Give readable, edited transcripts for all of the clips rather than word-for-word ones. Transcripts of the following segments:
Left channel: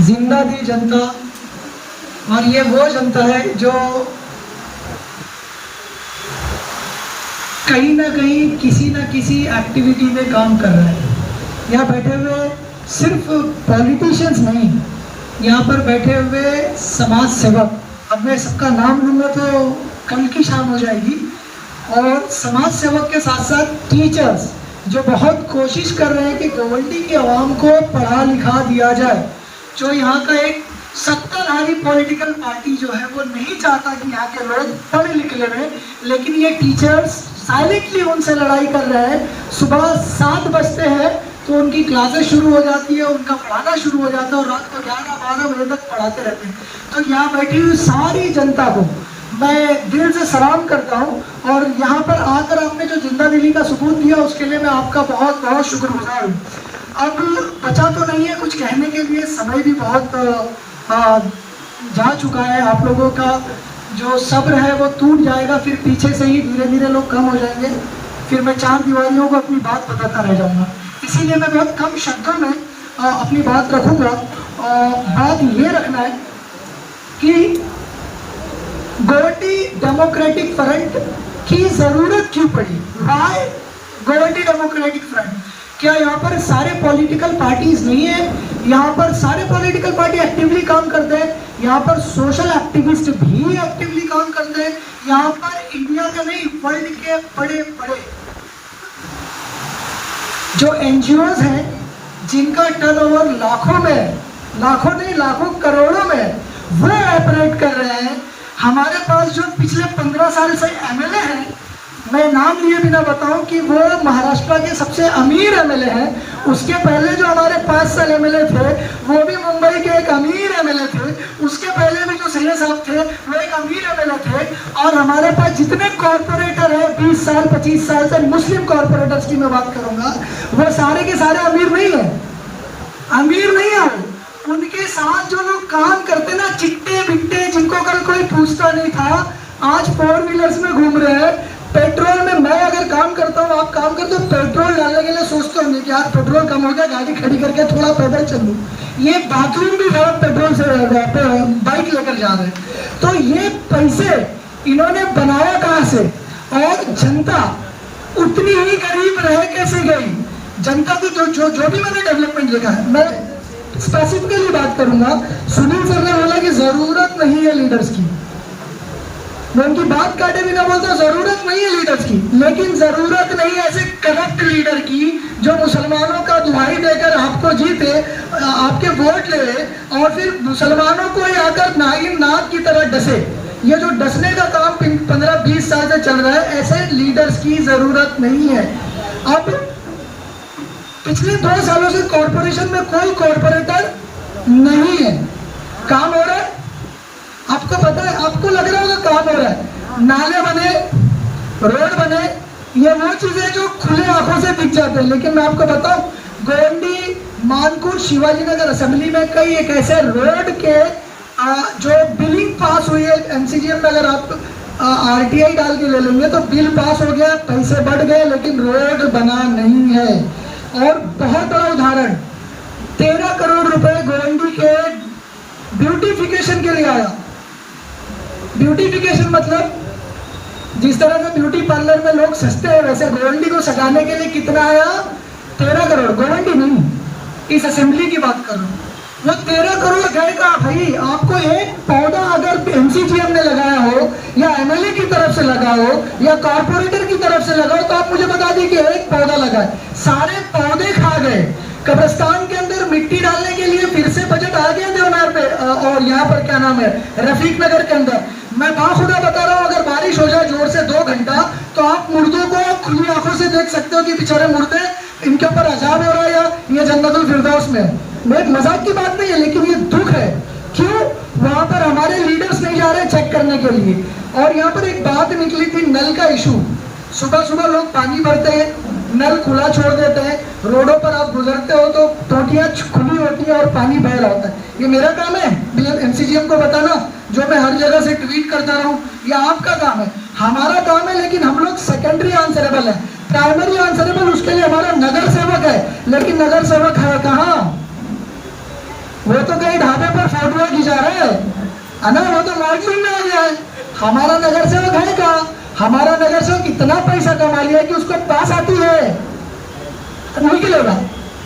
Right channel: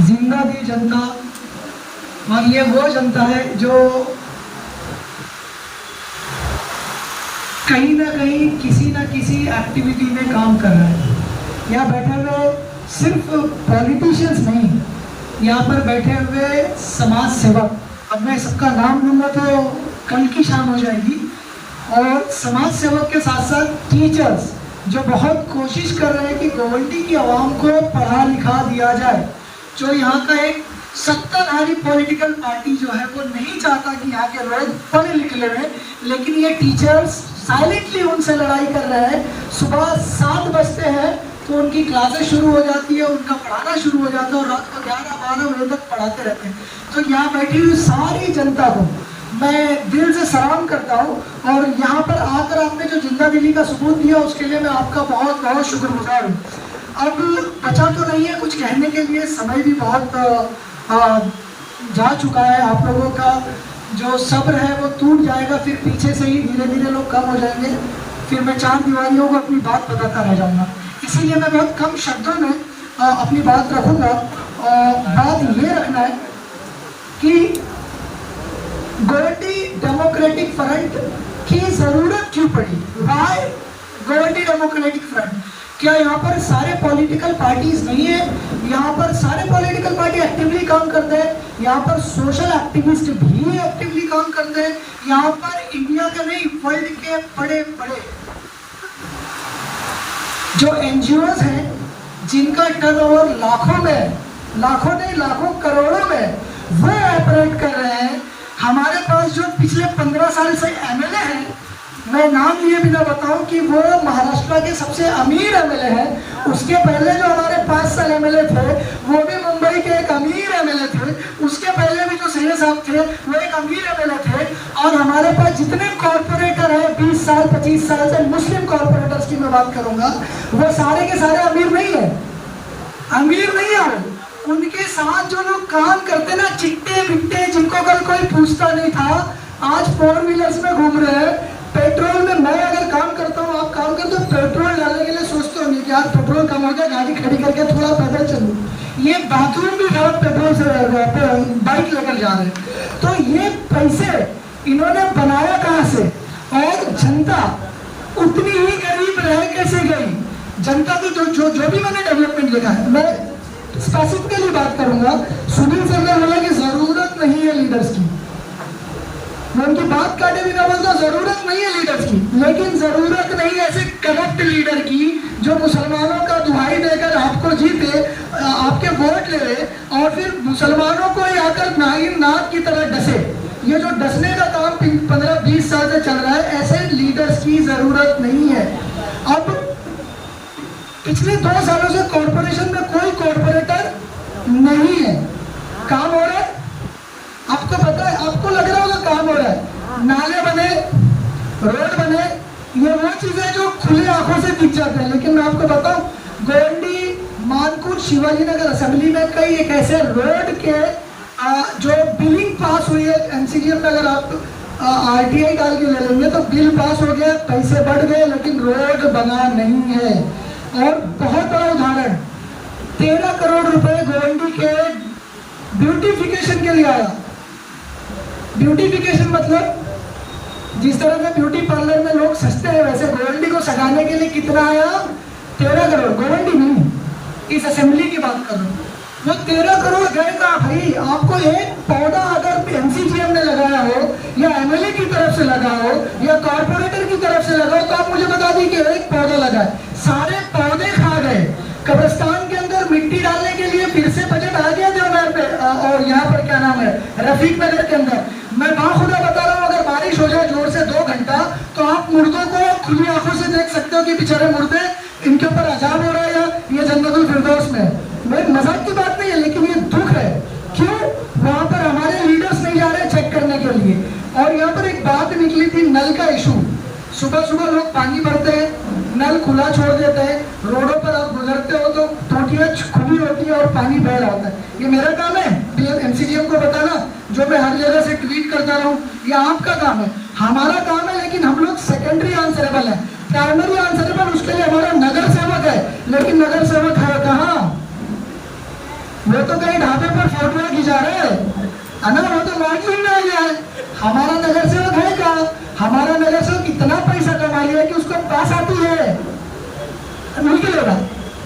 जिंदा दी जनता, और ये वो जनता है जो कहीं ना कहीं किसी ना किसी एक्टिविटी में काम कर रहा है। यहाँ बैठे हुए सिर्फ पॉलिटिशियंस नहीं, यहाँ पर बैठे हुए समाज सेवक, अब मैं सबका नाम लूँगा तो कल की शाम हो जाएगी, और समाज सेवक के साथ साथ टीचर्स जो बहुत कोशिश कर रहे हैं कि गोवंडी की आवाम को पढ़ा लिखा दिया जाए। जो यहाँ का एक सत्ताधारी पॉलिटिकल पार्टी जो है वो नहीं चाहता कि यहाँ के लोग पढ़े लिखे रहे, लेकिन ये टीचर्स साइलेंटली उनसे लड़ाई कर रहे हैं। सुबह 7 बजते हैं तो उनकी क्लासेस शुरू हो जाती है, उनका पढ़ाना शुरू हो जाता है, और रात को 11-12 बजे तक पढ़ाते रहते हैं। तो यहाँ बैठी हुई सारी जनता को मैं दिल से सलाम करता हूँ, और यहाँ पर आकर आपने जो जिंदा दिली का सुकून दिया उसके लिए मैं आपका बहुत बहुत शुक्रगुजार हूँ। अब बचा तो नहीं है कुछ कहने के लिए, समय भी बहुत जा चुका है। आप लोगों का जो सब्र है वो टूट जाएगा, फिर पीछे से ही धीरे धीरे लोग कम हो जाएंगे, फिर मैं 4 दीवारियों को अपनी बात बताता रह जाऊँगा। इसीलिए मैं बहुत कम शब्दों में अपनी बात रखूँगा। बात ये रखना है कि गोवंडी डेमोक्रेटिक फ्रंट की जरूरत क्यों पड़ी। Why Govandi democratic front? क्या यहाँ पर सारे पॉलिटिकल पार्टीज नहीं है? यहाँ पर सारे पॉलिटिकल पार्टी एक्टिवली काम करते हैं, यहाँ पर सोशल एक्टिविस्ट भी एक्टिवली काम करते हैं, यहाँ पर इंडिया के नहीं वर्ल्ड के बड़े बड़े जो एनजीओज हैं जिनका टर्नओवर लाखों में, लाखों नहीं लाखों करोड़ों में वो ऑपरेट कर रहे हैं। हमारे पास जो पिछले 15 साल से एमएलए हैं, मैं नाम लिए बिना बताऊं कि वो महाराष्ट्र के सबसे अमीर एमएलए हैं। उसके पहले जो हमारे 5 साल एमएलए थे वो भी मुंबई के एक अमीर एमएलए थे। उसके पहले भी जो सैयद साहब थे वो एक अमीर एमएलए थे। और हमारे पास जितने कॉर्पोरेटर हैं 20 साल 25 साल से, मुस्लिम कॉर्पोरेटर्स की मैं बात करूंगा, वो सारे के सारे अमीर नहीं है, अमीर नहीं है। उनके साथ जो लोग काम करते ना, चिट्टे बिट्टे जिनको कल कोई पूछता नहीं था, आज 4 व्हीलर्स में घूम रहे हैं। पेट्रोल में मैं अगर काम करता हूँ, आप काम करते हो, पेट्रोल डालने के लिए सोचते होंगे कि यार पेट्रोल कम हो गया, गाड़ी खड़ी करके थोड़ा पैदल चल लूँ। ये बाथरूम भी है पेट्रोल से, बाइक लेकर जा रहे हैं। तो ये पैसे इन्होंने बनाया कहाँ से? और जनता उतनी ही गरीब रह कैसे गई? जनता को जो भी मैंने डेवलपमेंट देखा है, मैं स्पेसिफिकली बात करूंगा। सुनील सर ने बोला कि जरूरत नहीं है लीडर्स की, मैं उनकी बात काटे बिना बोलता जरूरत नहीं है लीडर्स की, लेकिन जरूरत नहीं ऐसे करप्ट लीडर की जो मुसलमानों का दुहाई देकर आपको जीते, आपके वोट ले ले, और फिर मुसलमानों को आकर नाक की तरह डसे। ये जो डसने का काम 15-20 साल से चल रहा है, ऐसे लीडर्स की जरूरत नहीं है। अब पिछले 2 सालों से कॉर्पोरेशन में कोई कॉर्पोरेटर नहीं है। काम हो रहा है, आपको पता है, आपको लग रहा होगा काम हो रहा है, नाले बने, रोड बने, ये वो चीजें जो खुले आंखों से दिख जाते हैं। लेकिन मैं आपको बताऊं, गोवंडी, मानकुर, शिवाजी नगर असेंबली में कई एक ऐसे रोड के जो बिलिंग पास हुई है एमसीजीएम में, अगर आप आरटीआई डाल के ले लेंगे तो बिल पास हो गया, पैसे बढ़ गए, लेकिन रोड बना नहीं है। और बहुत बड़ा उदाहरण, 13 करोड़ रुपए गोवंडी के ब्यूटिफिकेशन के लिए आया। ब्यूटिफिकेशन मतलब जिस तरह से ब्यूटी पार्लर में लोग सस्ते हैं, वैसे गोवंडी को सजाने के लिए कितना आया? 13 करोड़। गोवंडी नहीं, इस असेंबली की बात करो, वो 13 करोड़ गएगा भाई। आपको एक पौधा अगर एमसीजीएम ने लगाया हो, या एमएलए की तरफ से लगा हो, या कॉर्पोरेटर की तरफ से लगा हो, तो आप मुझे बता दीजिए एक पौधा लगा है, सारे पौधे खा गए। कब्रिस्तान के अंदर मिट्टी डालने के लिए फिर से बजट आ गया देवनार पे, और यहाँ पर क्या नाम है, रफीक नगर के अंदर। मैं बाखुदा बता रहा हूँ, अगर बारिश हो जाए जोर से 2 घंटा, तो आप मुर्दों को खुली आंखों से देख सकते हो कि बेचारे मुर्दे, इनके ऊपर अजाब हो रहा है, या ये जन्नतुल फिरदौस में। मैं एक मजाक की बात नहीं है, लेकिन ये दुख है। क्यों? वहां पर हमारे लीडर्स नहीं जा रहे चेक करने के लिए। और यहाँ पर एक बात निकली थी, नल का इशू। सुबह सुबह लोग पानी भरते हैं, नल खुला छोड़ देते हैं, रोडों पर आप गुजरते हो तो टोटियां खुली होती है और पानी बह रहा होता है। ये मेरा काम है एमसीजीएम को बताना, जो मैं हर जगह से ट्वीट करता रहूं, ये आपका काम है, हमारा काम है। लेकिन हम लोग सेकेंडरी आंसरेबल है, प्राइमरी आंसरेबल उसके लिए हमारा नगर सेवक है। लेकिन नगर सेवक है कहाँ? वो तो कहीं ढाबे पर फोटो खिंचा रहे हैं, है ना, वो तो मॉडलिंग में आ गया है। हमारा नगर सेवक है क्या? हमारा नगर सेवक इतना पैसा कमा लिया कि उसको पास आती है, निकलेगा,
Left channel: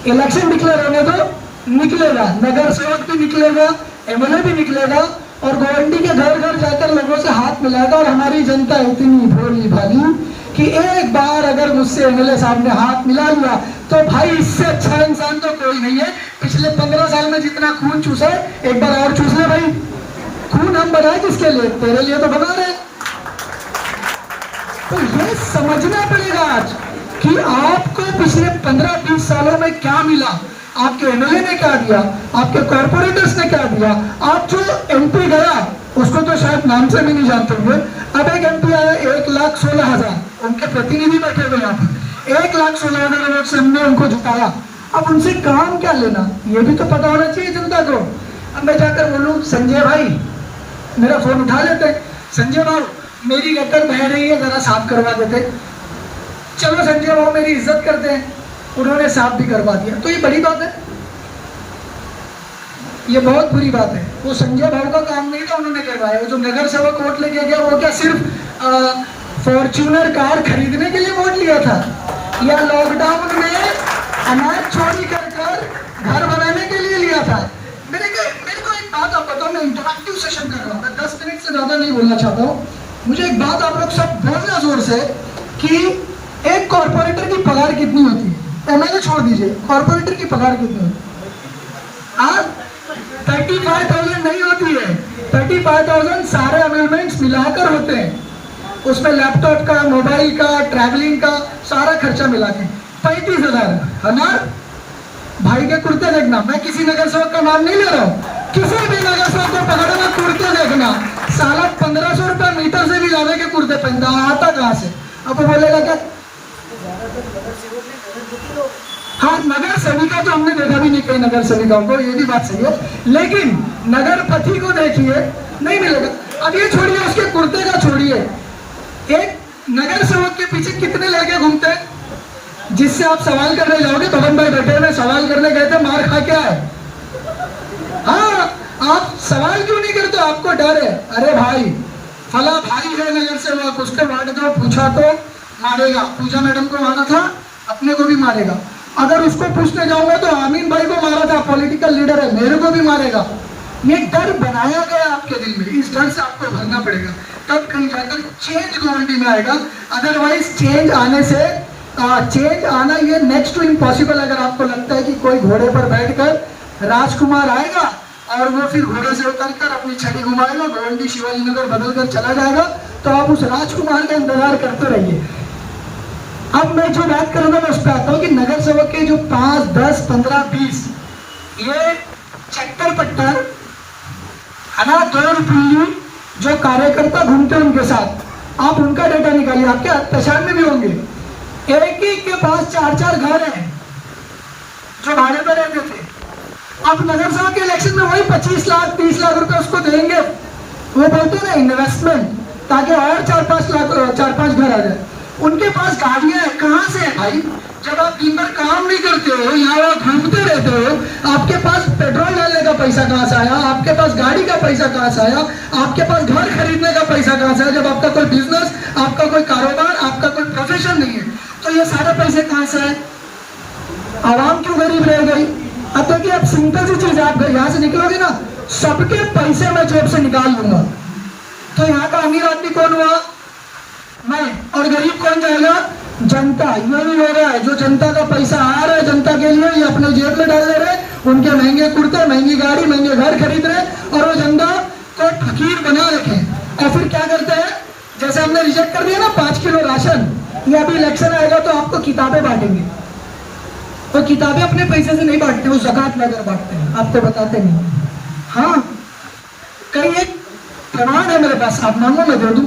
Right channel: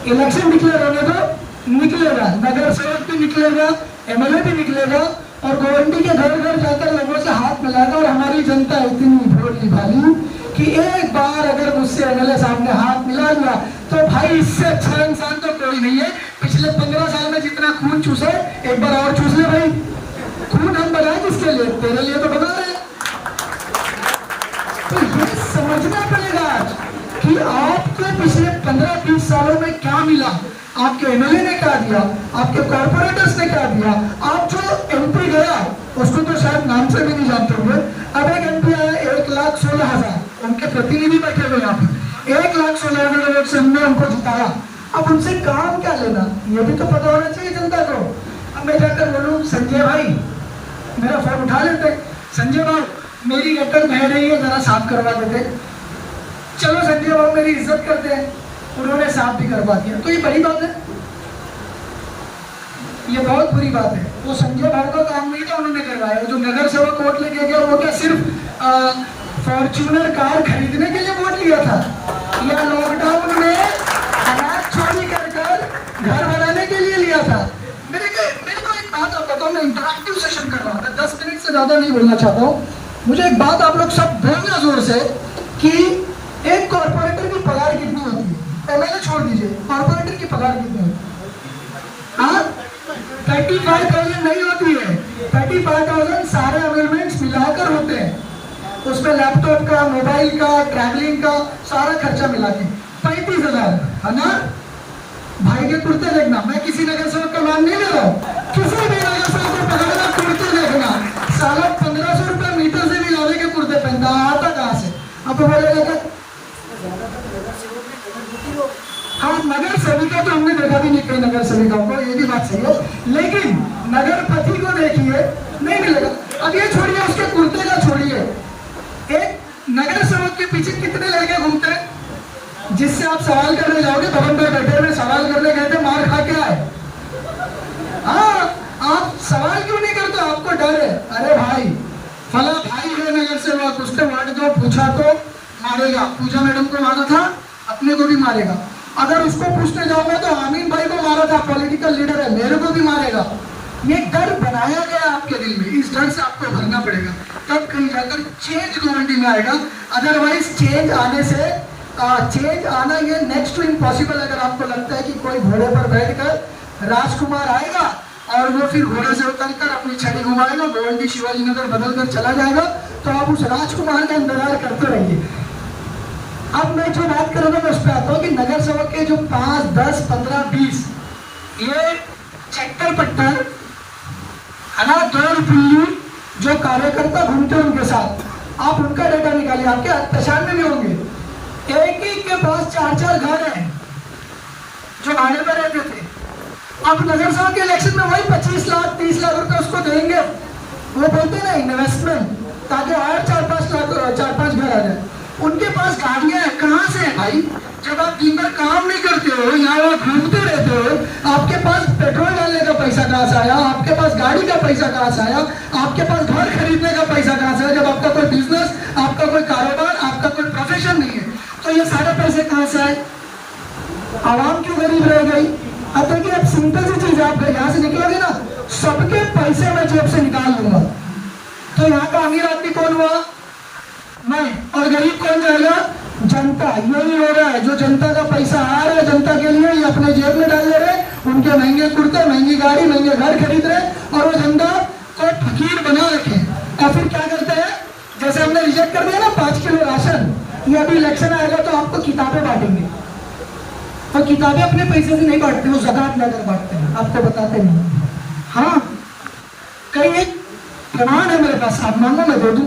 इलेक्शन डिक्लेयर होने को निकलेगा, नगर सेवक भी निकलेगा, एमएलए भी निकलेगा और गवर्नमेंट के घर घर जाकर लोगों से हाथ मिलाएगा। और हमारी जनता इतनी भोली भाली कि एक बार अगर मुझसे एमएलए साहब ने हाथ मिला लिया तो भाई इससे अच्छा इंसान तो कोई नहीं है। पिछले 15 साल में जितना खून चूसा है एक बार और चूस ले भाई। खून हम बनाए किसके लिए? तेरे लिए तो बना रहे। तो ये समझना पड़ेगा आज कि आपको पिछले 15-20 सालों में क्या मिला, आपके एमएलए ने क्या दिया, आपके कॉर्पोरेटर्स ने क्या दिया। आप जो एमपी गया उसको तो शायद नाम से भी नहीं जानते हुए, अब एक एमपी आया 1,16,000, उनके प्रतिनिधि बैठे हुए यहाँ पे, 1,16,000 वोट से हमने उनको जिताया। अब उनसे काम क्या लेना, ये भी तो पता होना चाहिए जनता को। अब मैं जाकर बोलूँ संजय भाई, मेरा फोन उठा लेते, संजय भाई मेरी गटर बह रही है जरा साफ करवा देते। चलो संजय भाई मेरी इज्जत करते हैं, उन्होंने साफ भी करवा दिया। तो ये बड़ी बात है, ये बहुत बुरी बात है। वो संजय भाई का काम नहीं था, उन्होंने करवाया। जो नगर सेवक वोट लेके गया वो क्या सिर्फ फॉर्च्यूनर कार खरीदने के लिए वोट लिया था, या लॉकडाउन में अनाज चोरी कर घर बनाने के लिए लिया था? मेरे को एक बात आप बताओ, मैं इंटरैक्टिव सेशन कर रहा हूँ, मैं 10 मिनट से ज्यादा नहीं बोलना चाहता हूँ। मुझे एक बात आप लोग सब बोलना जोर से कि एक कॉर्पोरेटर की पगार कितनी होती है? एमएलए छोड़ दीजिए, कॉर्पोरेटर की पगार कितनी होती है? 35,000 नहीं होती है, 35,000 सारे अमेंडमेंट्स मिलाकर होते हैं। उसमें लैपटॉप का, मोबाइल का, ट्रैवलिंग का सारा खर्चा मिला के 35,000 है ना। भाई के कुर्ते देखना, मैं किसी नगर सेवक का नाम नहीं ले रहा हूँ, किसी भी नगर सेवक को पकड़ना, कुर्ते देखना, साला 1,500 रुपया मीटर से भी ज्यादा के कुर्ते पहनता, आता कहाँ से? अब वो बोलेगा क्या? हाँ, नगर सेविका तो हमने देखा भी नहीं कई नगर सेविकाओं को, ये भी बात सही है, लेकिन नगर पति को देखिए नहीं मिलेगा। अब ये छोड़िए, उसके कुर्ते का छोड़िए, एक नगर सेवक के पीछे कितने लड़के घूमते हैं जिससे आप सवाल करने जाओगे? भवन भाई बैठे में सवाल करने गए थे, मार खा क्या है? हाँ, आप सवाल क्यों नहीं करते? आपको डर है, अरे भाई फला भाई है नगर सेवक, उसके वार्ड दो, पूछा तो मारेगा, पूजा मैडम को मारा था, अपने को भी मारेगा। अगर उसको पूछने जाऊंगा तो आमीन भाई को मारा था, पॉलिटिकल लीडर है, मेरे को भी मारेगा। ये डर बनाया गया आपके दिल में, इस डर से आपको भरना पड़ेगा, तब कहीं जाकर चेंज गवर्नमेंट में आएगा। अदरवाइज चेंज आने से चेंज आना ये नेक्स्ट टू इम्पॉसिबल। अगर आपको लगता है कि कोई घोड़े पर बैठकर राजकुमार आएगा और वो फिर घोड़े से उतरकर अपनी छड़ी घुमाएगा, गोवंडी शिवाजी नगर बदल कर चला जाएगा, तो आप उस राजकुमार का इंतजार करते रहिए। अब मैं जो बात करूंगा मैं उस पर आता हूँ कि नगर सेवक के जो 5, 10, 15, 20 ये चक्कर पट्टर है ना, 2 रुपये जो कार्यकर्ता घूमते हैं उनके साथ, आप उनका डेटा निकालिए, आपके पहचान में भी होंगे। एक ही के पास 4-4 घर हैं जो भाड़े पर रहते थे। अब नगर सेवक के इलेक्शन में वही 25 लाख 30 लाख रुपए उसको देंगे, वो बोलते ना इन्वेस्टमेंट, ताकि और 4-5 घर आ जाए। उनके पास गाड़ियां हैं, कहाँ से है भाई? जब आप दिन भर काम नहीं करते हो, यहाँ वहाँ घूमते रहते हो, आपके पास पेट्रोल डालने का पैसा कहाँ से आया? आपके पास गाड़ी का पैसा कहाँ से आया? आपके पास घर खरीदने का पैसा कहाँ से आया? जब आपका कोई बिजनेस, आपका कोई कारोबार, आपका कोई प्रोफेशन नहीं है, तो ये सारे पैसे कहाँ से आए? आवाम क्यों गरीब रह गई? अब देखिए, अब सिंपल सी चीज, आप यहाँ से निकलोगे ना, सबके पैसे मैं जेब से निकाल लूंगा, तो यहाँ का अमीर आदमी कौन हुआ? मैं। और गरीब कौन जाएगा? जनता। यही हो रहा है, जो जनता का पैसा आ रहा है जनता के लिए, ये अपने जेब में डाल ले रहे, उनके महंगे कुर्ते, महंगी गाड़ी, महंगे घर खरीद रहे, और वो जनता को फकीर बना रखे। और फिर क्या करते हैं, जैसे हमने रिजेक्ट कर दिया ना 5 किलो राशन, ये अभी इलेक्शन आएगा तो आपको किताबें बांटेंगे। वो किताबें अपने पैसे से नहीं बांटते, वो ज़कात लेकर बांटते हैं, आपको बताते नहीं। हाँ, कई प्रमाण है मेरे पास, आप मांगो मैं दे दूं।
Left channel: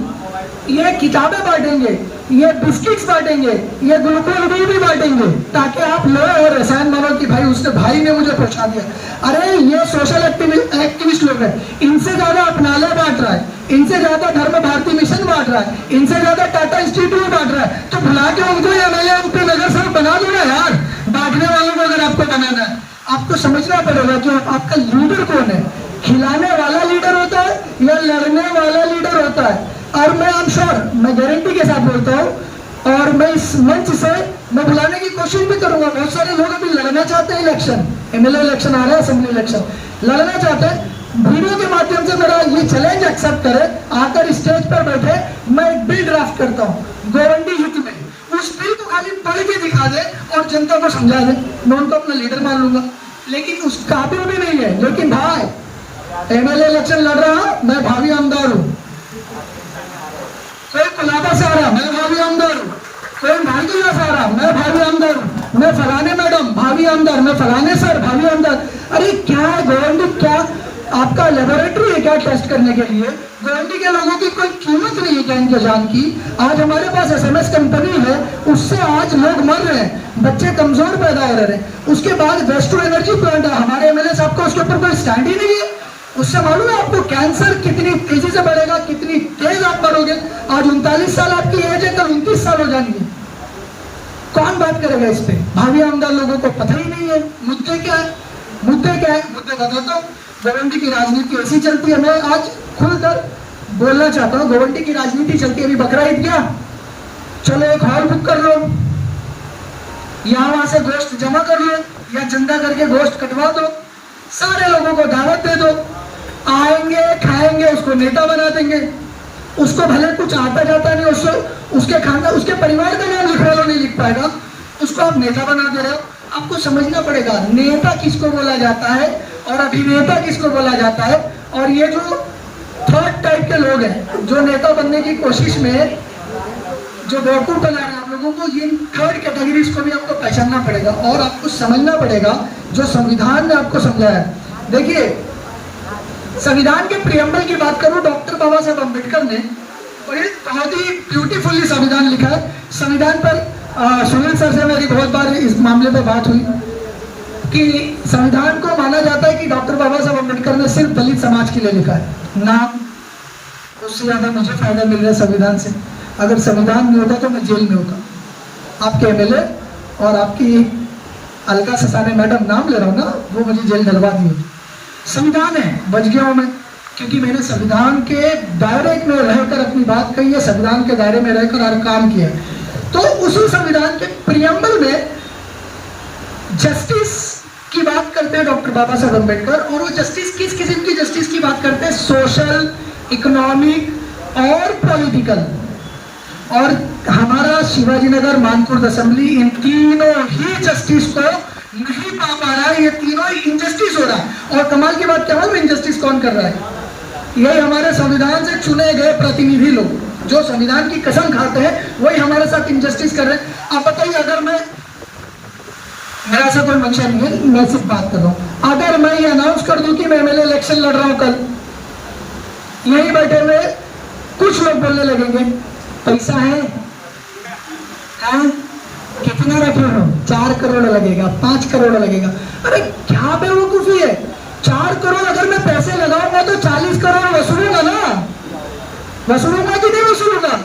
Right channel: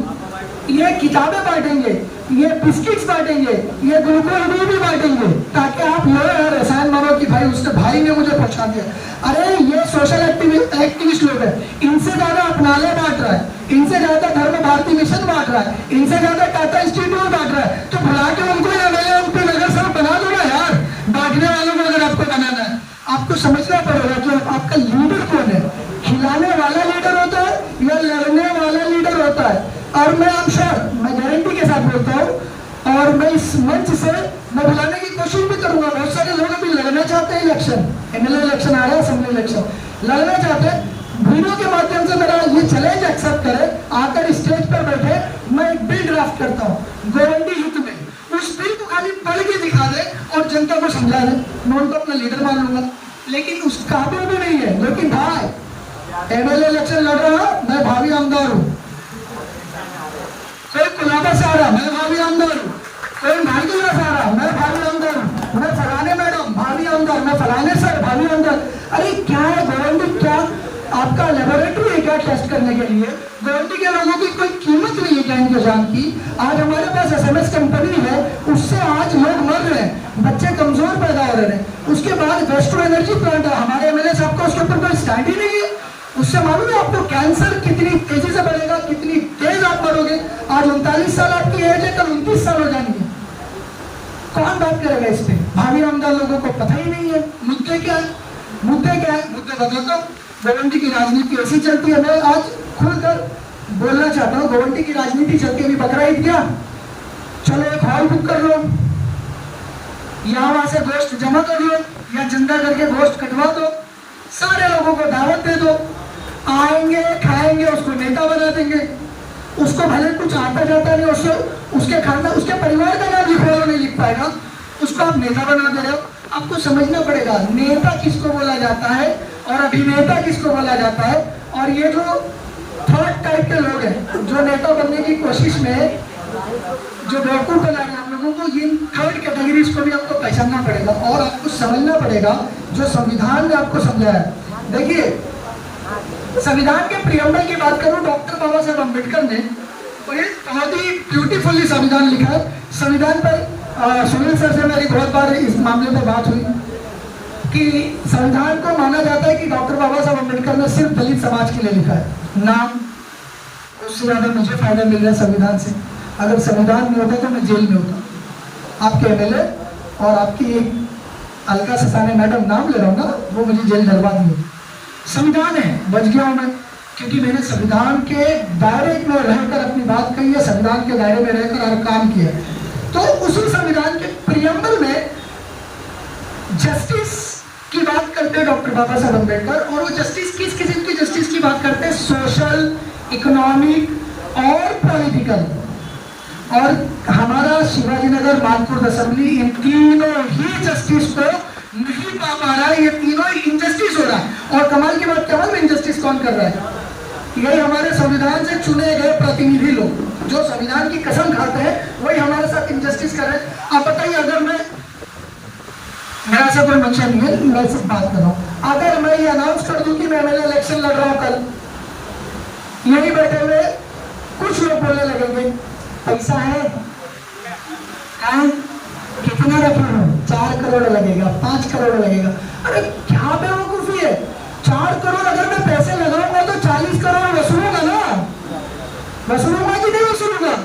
ये किताबें बांटेंगे, ये बिस्किट्स बांटेंगे, ये ग्लूकोज भी बांटेंगे, ताकि आप लो और रसायन मानो कि भाई उसने भाई ने मुझे पहुंचा दिया। अरे ये सोशल एक्टिविस्ट लोग हैं, इनसे ज्यादा अपनालय बांट रहा है, इनसे ज्यादा धर्म भारती मिशन बांट रहा है, इनसे ज्यादा टाटा इंस्टीट्यूट बांट रहा है, तो बुला के उनको एमएलए एमपी नगर सेवक बना दो ना यार। बांटने वालों को अगर आपको बनाना है, आप आपको समझना पड़ेगा कि आपका लीडर कौन है। खिलाने वाला लीडर होता है या लड़ने वाला लीडर होता है। और मैं आई एम श्योर, मैं गारंटी के साथ बोलता हूँ और मैं इस मंच से मैं बुलाने की कोशिश भी करूंगा। बहुत सारे लोग अभी लड़ना चाहते हैं इलेक्शन, एमएलए इलेक्शन आ रहा है, असेंबली इलेक्शन लड़ना चाहते हैं। वीडियो के माध्यम से मेरा ये चैलेंज एक्सेप्ट करे, आकर स्टेज पर बैठे, मैं एक बिल ड्राफ्ट करता हूँ गोवंडी हित में, उस बिल को खाली पढ़ के दिखा दे और जनता को समझा दे, मैं उनको अपना लीडर मान लूंगा। लेकिन उस काबिल भी नहीं है। लेकिन भाई एमएलए इलेक्शन लड़ रहा, मैं भावी आमदार हूँ। कोई कुलाबा से आ रहा, मैं भावी आमदार हूँ। कोई मालदीव से आ रहा, मैं भावी आमदार हूँ। मैं फलाने मैडम भावी आमदार, मैं फलाने सर भावी आमदार। अरे क्या है गोवंडी, क्या आपका लेबोरेटरी है क्या टेस्ट करने के लिए? गोवंडी के लोगों की कोई कीमत नहीं है क्या इनके जान की? आज हमारे पास एसएमएस कंपनी है, उससे आज लोग मर रहे हैं, बच्चे कमजोर पैदा हो रहे हैं। उसके बाद वेस्ट टू एनर्जी प्लांट है, हमारे एमएलए साहब का उसके ऊपर कोई स्टैंड ही नहीं है। उससे मालूम है आपको कैंसर कितनी तेजी से बढ़ेगा, कितनी तेज आप मरोगे। आज 39 साल आपकी एज है, कल 29 साल हो जाएंगे। कौन बात करेगा इस पे? भावी आमदार लोगों को पता ही नहीं है मुद्दे क्या है। मुद्दे क्या है? मुद्दे बताता हूँ। गोवंडी की राजनीति ऐसी चलती है। मैं आज खुलकर बोलना चाहता हूँ, गोवंडी की राजनीति चलती है। अभी बकरा ईद क्या, चलो एक हॉल बुक कर लो, यहाँ वहां से गोश्त जमा कर लो या चंदा करके गोश्त कटवा दो, सारे लोगों को दावत दे दो, आएंगे खाएंगे, उसको नेता बना देंगे। उसको भले कुछ आता जाता नहीं, उसके खानदान उसके परिवार का नाम लिखवा लो, नहीं लिख पाएगा, उसको आप नेता बना दे रहे हो। आपको समझना पड़ेगा नेता किसको बोला जाता है और अभिनेता किसको बोला जाता है। और ये जो थर्ड टाइप के लोग हैं जो नेता बनने की कोशिश में जो बेवकूफ बना रहे हैं लोगों को, इन थर्ड कैटेगरीज को भी आपको पहचानना पड़ेगा और आपको समझना पड़ेगा जो संविधान ने आपको समझाया है। देखिए, संविधान के प्रियम्बल की बात करूं, डॉक्टर बाबा साहब अम्बेडकर ने बहुत ही ब्यूटीफुली संविधान लिखा है। संविधान पर सुनील सर से मेरी बहुत बार इस मामले पर बात हुई कि संविधान को माना जाता है कि डॉक्टर बाबा साहब अम्बेडकर ने सिर्फ दलित समाज के लिए लिखा है नाम, उससे ज्यादा मुझे फायदा मिल रहा है संविधान से। अगर संविधान नहीं होता तो मैं जेल में होता। आपके एमएलए और आपकी अलका ससाने मैडम नाम ले रहा हूँ ना, वो मुझे जेल डलवा दी होती। संविधान है, बच गया हूँ मैं, क्योंकि मैंने संविधान के दायरे में रहकर अपनी बात कही है, संविधान के दायरे में रहकर हर काम किया। तो उसी संविधान के प्रियम्बल में जस्टिस की बात करते हैं डॉक्टर बाबा साहब अम्बेडकर, और वो जस्टिस किस किस्म की जस्टिस की बात करते हैं? सोशल, इकोनॉमिक और पॉलिटिकल। और हमारा शिवाजी नगर मानपुर असेंबली इन तीनों ही जस्टिस को नहीं पा रहा है। ये तीनों इनजस्टिस हो रहा है। और कमाल की बात क्या है, इनजस्टिस कौन कर रहा है? यही हमारे संविधान से चुने गए प्रतिनिधि लोग जो संविधान की कसम खाते हैं, वही हमारे साथ इनजस्टिस कर रहे हैं। आप बताइए, अगर मेरा से कोई मंशा नहीं है, मैं सिर्फ बात कर रहा हूँ, अगर मैं ये अनाउंस कर दूं कि मैं एमएलए इलेक्शन लड़ रहा हूं कल, यही बैठे हुए कुछ लोग बोलने लगेंगे पैसा है, हाँ कितने रखे हो? 4 करोड़ लगेगा, 5 करोड़ लगेगा। अरे क्या बेवकूफी है? 4 करोड़ अगर मैं पैसे लगाऊंगा तो 40 करोड़ वसूलूंगा ना, वसूलूंगा कि नहीं वसूलूंगा?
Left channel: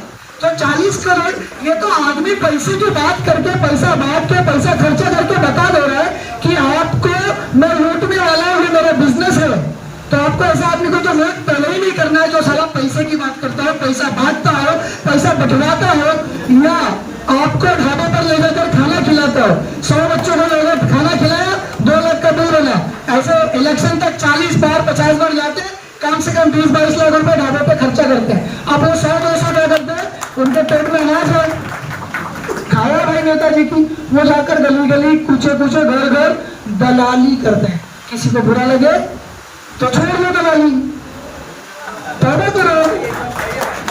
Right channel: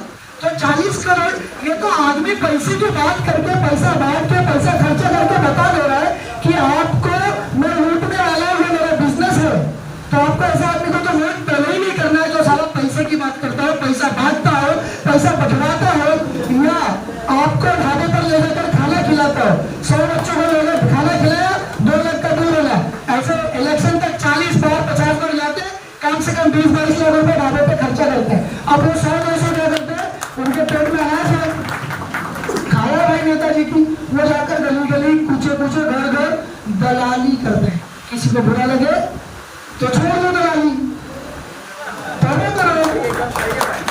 तो 40 करोड़, ये तो आदमी पैसे की बात करके, पैसा बांट के, पैसा खर्चा करके बता दे रहा है कि आपको मैं लूटने वाला हूँ, ये मेरा बिजनेस है। तो आपको ऐसा आदमी को तो वोट पहले ही नहीं करना है जो साला पैसे की बात करता है, पैसा बांटता हो, पैसा बंटवाता हो, या आपको ढाबे पर ले जाकर खाना खिलाता हो। 100 बच्चों को लेकर खाना खिलाया, 2 लाख का दूर होला। ऐसे इलेक्शन तक 40 बार 50 बार लाते, कम से कम 20-22 लाख रुपए ढाबे पे खर्चा करते हैं। अब वो 100-200 क्या करते हैं, उनके पेट में अनाज है, खाया भाई नेताजी की, वो जाकर गली गली, कूचे कूचे, घर घर दलाली करते हैं। किसी को बुरा लगे तो छोड़ दो दलाली,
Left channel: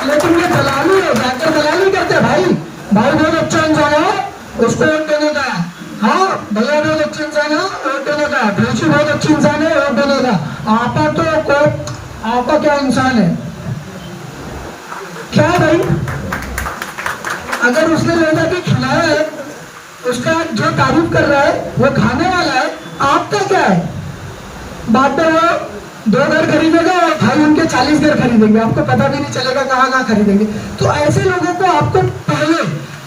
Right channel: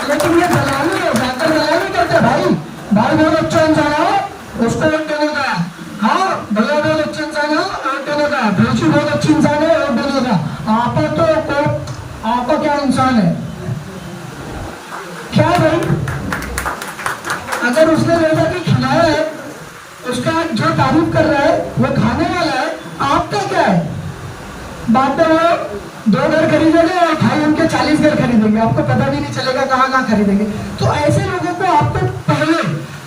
लेकिन ये दलाली है, जाकर दलाली करते हैं। भाई बहुत अच्छा इंसान है, उसको वोट देने का। हाँ भैया बहुत अच्छे इंसान है, वोट देने का। भेजी बहुत अच्छी इंसान है, वोट देने का। आपा क्या इंसान है? क्या भाई, अगर उसने ले जाके खिलाया है, उसका जो तारीफ कर रहा है वो खाने वाला है, आपका क्या है? बाद में वो 2 घर खरीदेगा और भाई उनके 40 घर खरीदेंगे, आपको पता भी नहीं चलेगा कहाँ खरीदेंगे। तो ऐसे लोगों को आपको पहले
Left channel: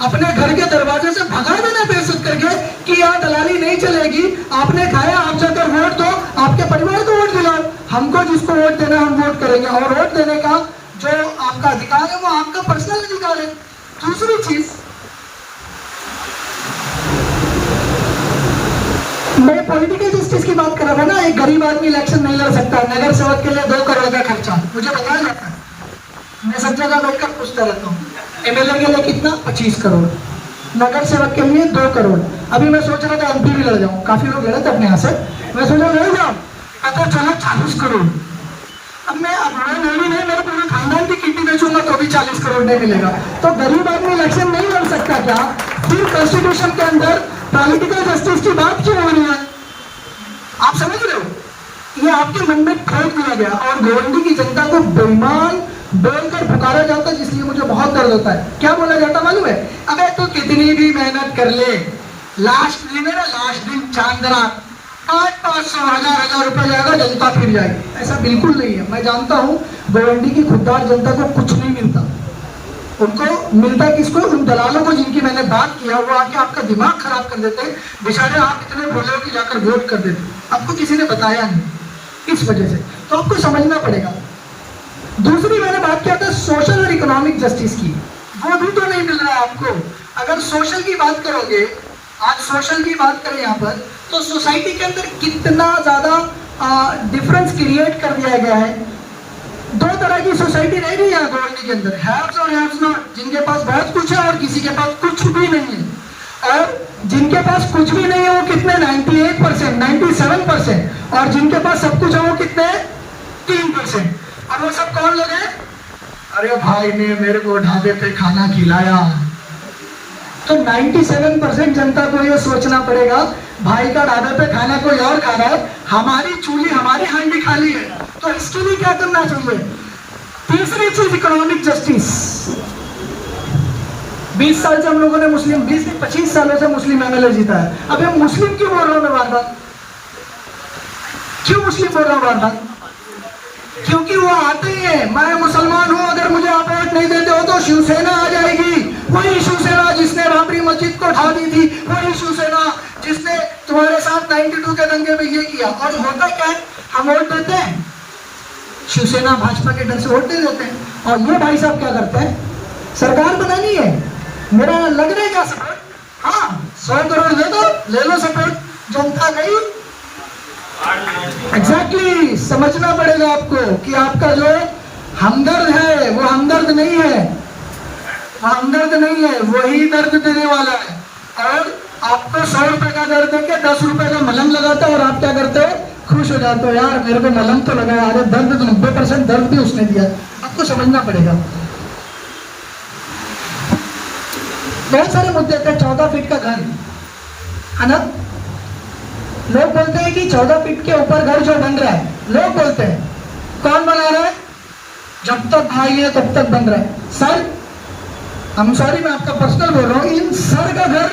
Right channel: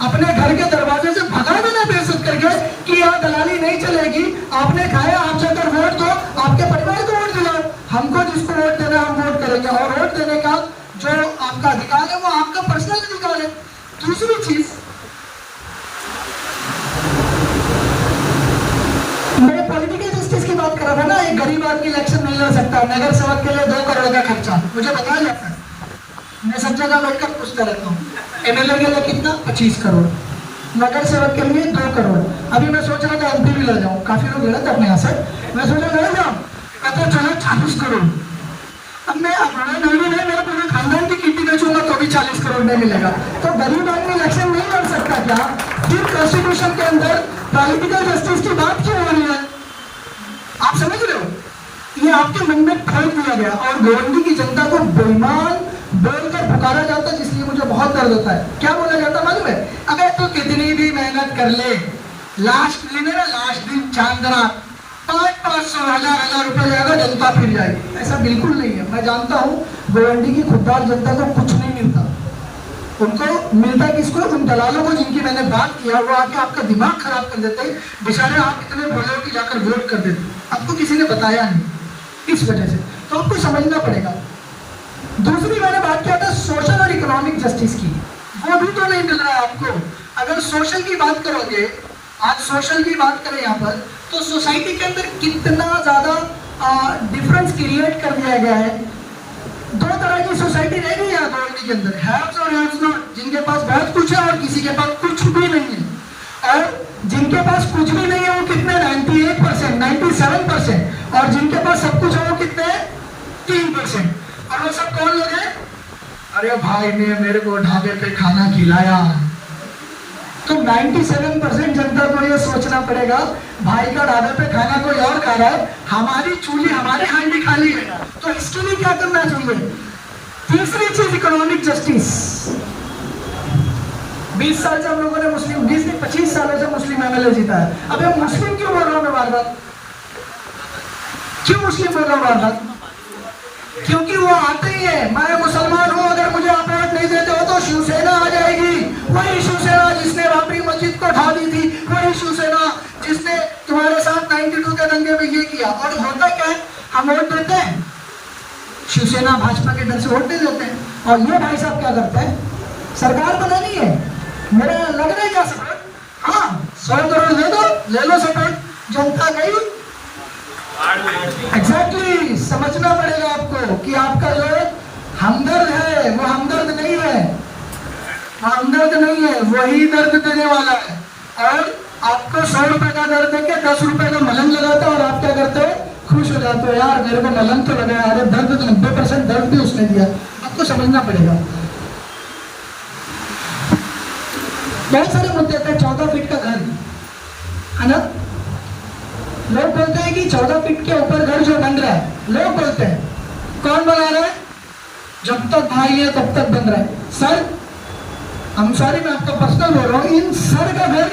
अपने घर के दरवाजे से भगा देना बेइज्जत करके कि यहाँ दलाली नहीं चलेगी, आपने खाया, आप जाकर आपका अधिकार है, वो आपका पर्सनल अधिकार है। दूसरी चीज, मैं पॉलिटिकल जस्टिस की बात कर रहा था ना, एक गरीब आदमी इलेक्शन नहीं लड़ सकता, नगर सेवक के लिए 2 करोड़ का खर्चा मुझे बताया जाता है, मैं सब जगह बैठकर पूछता रहता हूँ। एमएलए के लिए कितना? 25 करोड़, नगर सेवक के लिए 2 करोड़। अभी मैं सोच रहा था एमपी भी लड़ जाऊँ, काफी लोग लड़े थे अपने यहाँ से, मैं सोचा लड़ जाऊँ, पता चला 40 करोड़। अब मैं नहीं है, मेरे पूरे खानदान की किड्नी बेचूंगा तो भी 40 करोड़ नहीं मिलेगा। तो गरीब आदमी इलेक्शन नहीं लड़ सकता क्या? फिर कॉन्स्टिट्यूशन के अंदर पॉलिटिकल जस्टिस की बात क्यों हो रही है? आप समझ रहे हो? ये आपके मन में फेंक दिया गया और गोवंडी की जनता को बेईमान बोलकर पुकारा जाता है, जिसलिए मुझे बहुत दर्द होता है। क्या बोला जाता मालूम है? अगर तो कितनी भी मेहनत कर ले, लास्ट दिन है ना, लास्ट दिन चांदना 500 1000 रुपए जाएगा, जनता फिर जाएगी। ऐसा बिल्कुल नहीं है। मैं जानता हूँ गोवंडी की खुददार जनता को कुछ नहीं मिलता। उनको मिलता किसको? उन दलालों को जिनकी मैंने बात किया, वो आके आपका दिमाग खराब कर देते, बेचारे आप इतने भोले हो कि जाकर वोट कर देते, आपको किसी ने बताया नहीं। इस वजह से तो आपको समझना पड़ेगा। दूसरी मैंने बात किया था सोशल और इकोनॉमिक जस्टिस की, वो भी तो नहीं मिल रहा है आपको। अगर सोशल की बात करोगे, आज सोशल की बात करें यहाँ पर, तो सोसाइटी के अंदर कितना ज्यादा डिफरेंस क्रिएट कर दिया गया है। 2 तरह की सोसाइटी नहीं रही है गोवंडी के अंदर, हैव्स और हैव्स नॉट, जिनके पास बहुत कुछ है और किसी के पास कुछ भी नहीं है। और जिनके पास कुछ भी नहीं है वो कितने? 98%, 97%। और जिनके पास सब कुछ है वो कितने? 3%। और वो सब कौन लोग हैं? अरे भाई ने मेरे को ढाबे पे खाना खिलाया। तो 97% जनता को ये सोचना पड़ेगा, भाई का ढाबे पे खाना कोई और खा रहा है, हमारी चूल्ही हमारे हांडी खाली है, तो इसके लिए क्या करना चाहिए? तीसरी चीज इकोनॉमिक जस्टिस। 20 साल से हम लोगों ने मुस्लिम, 20-25 सालों से मुस्लिम एमएलए जीता है। अब ये मुस्लिम क्यों बोल रहा हूं मैं बार-बार? क्यों मुस्लिम बोल रहा हूं बार-बार? क्योंकि वो आते ही है, मैं मुसलमान हूं, अगर मुझे आप वोट नहीं देते हो तो शिवसेना आ जाएगी। वही शिवसेना जिसने बाबरी मस्जिद को ढा दी थी, वही शिवसेना जिसने तुम्हारे साथ 92 के दंगे में ये किया। और होता क्या है? हम वोट देते हैं, शिवसेना भाजपा के डर से वोट दे देते हैं। और ये भाई साहब क्या करते हैं? सरकार बनानी है, मेरा लग रहा है क्या सपोर्ट? हाँ, 100 करोड़ दे दो, ले लो सपोर्ट, जनता गई। एग्जैक्टली समझना पड़ेगा आपको कि आपका जो हमदर्द है वो हमदर्द नहीं है, वो हमदर्द नहीं है, वही दर्द देने वाला है। और आपको 100 रुपए का दर्द देके 10 रुपए का मलहम लगाता है और आप क्या करते हैं? खुश हो जाते हो, यार मेरे को मलहम तो लगा, अरे दर्द तो 90% दर्द भी उसने दिया। आपको समझना पड़ेगा। बहुत सारे मुद्दे थे। 14 फीट का घर है ना, लोग बोलते हैं कि 14 फीट के ऊपर घर जो बन रहा है, लोग बोलते हैं कौन बना रहा है? जब तक भाई है तब तक बन रहा है। सर, हम सॉरी, मैं आपका पर्सनल बोल रहा हूँ, इन सर का घर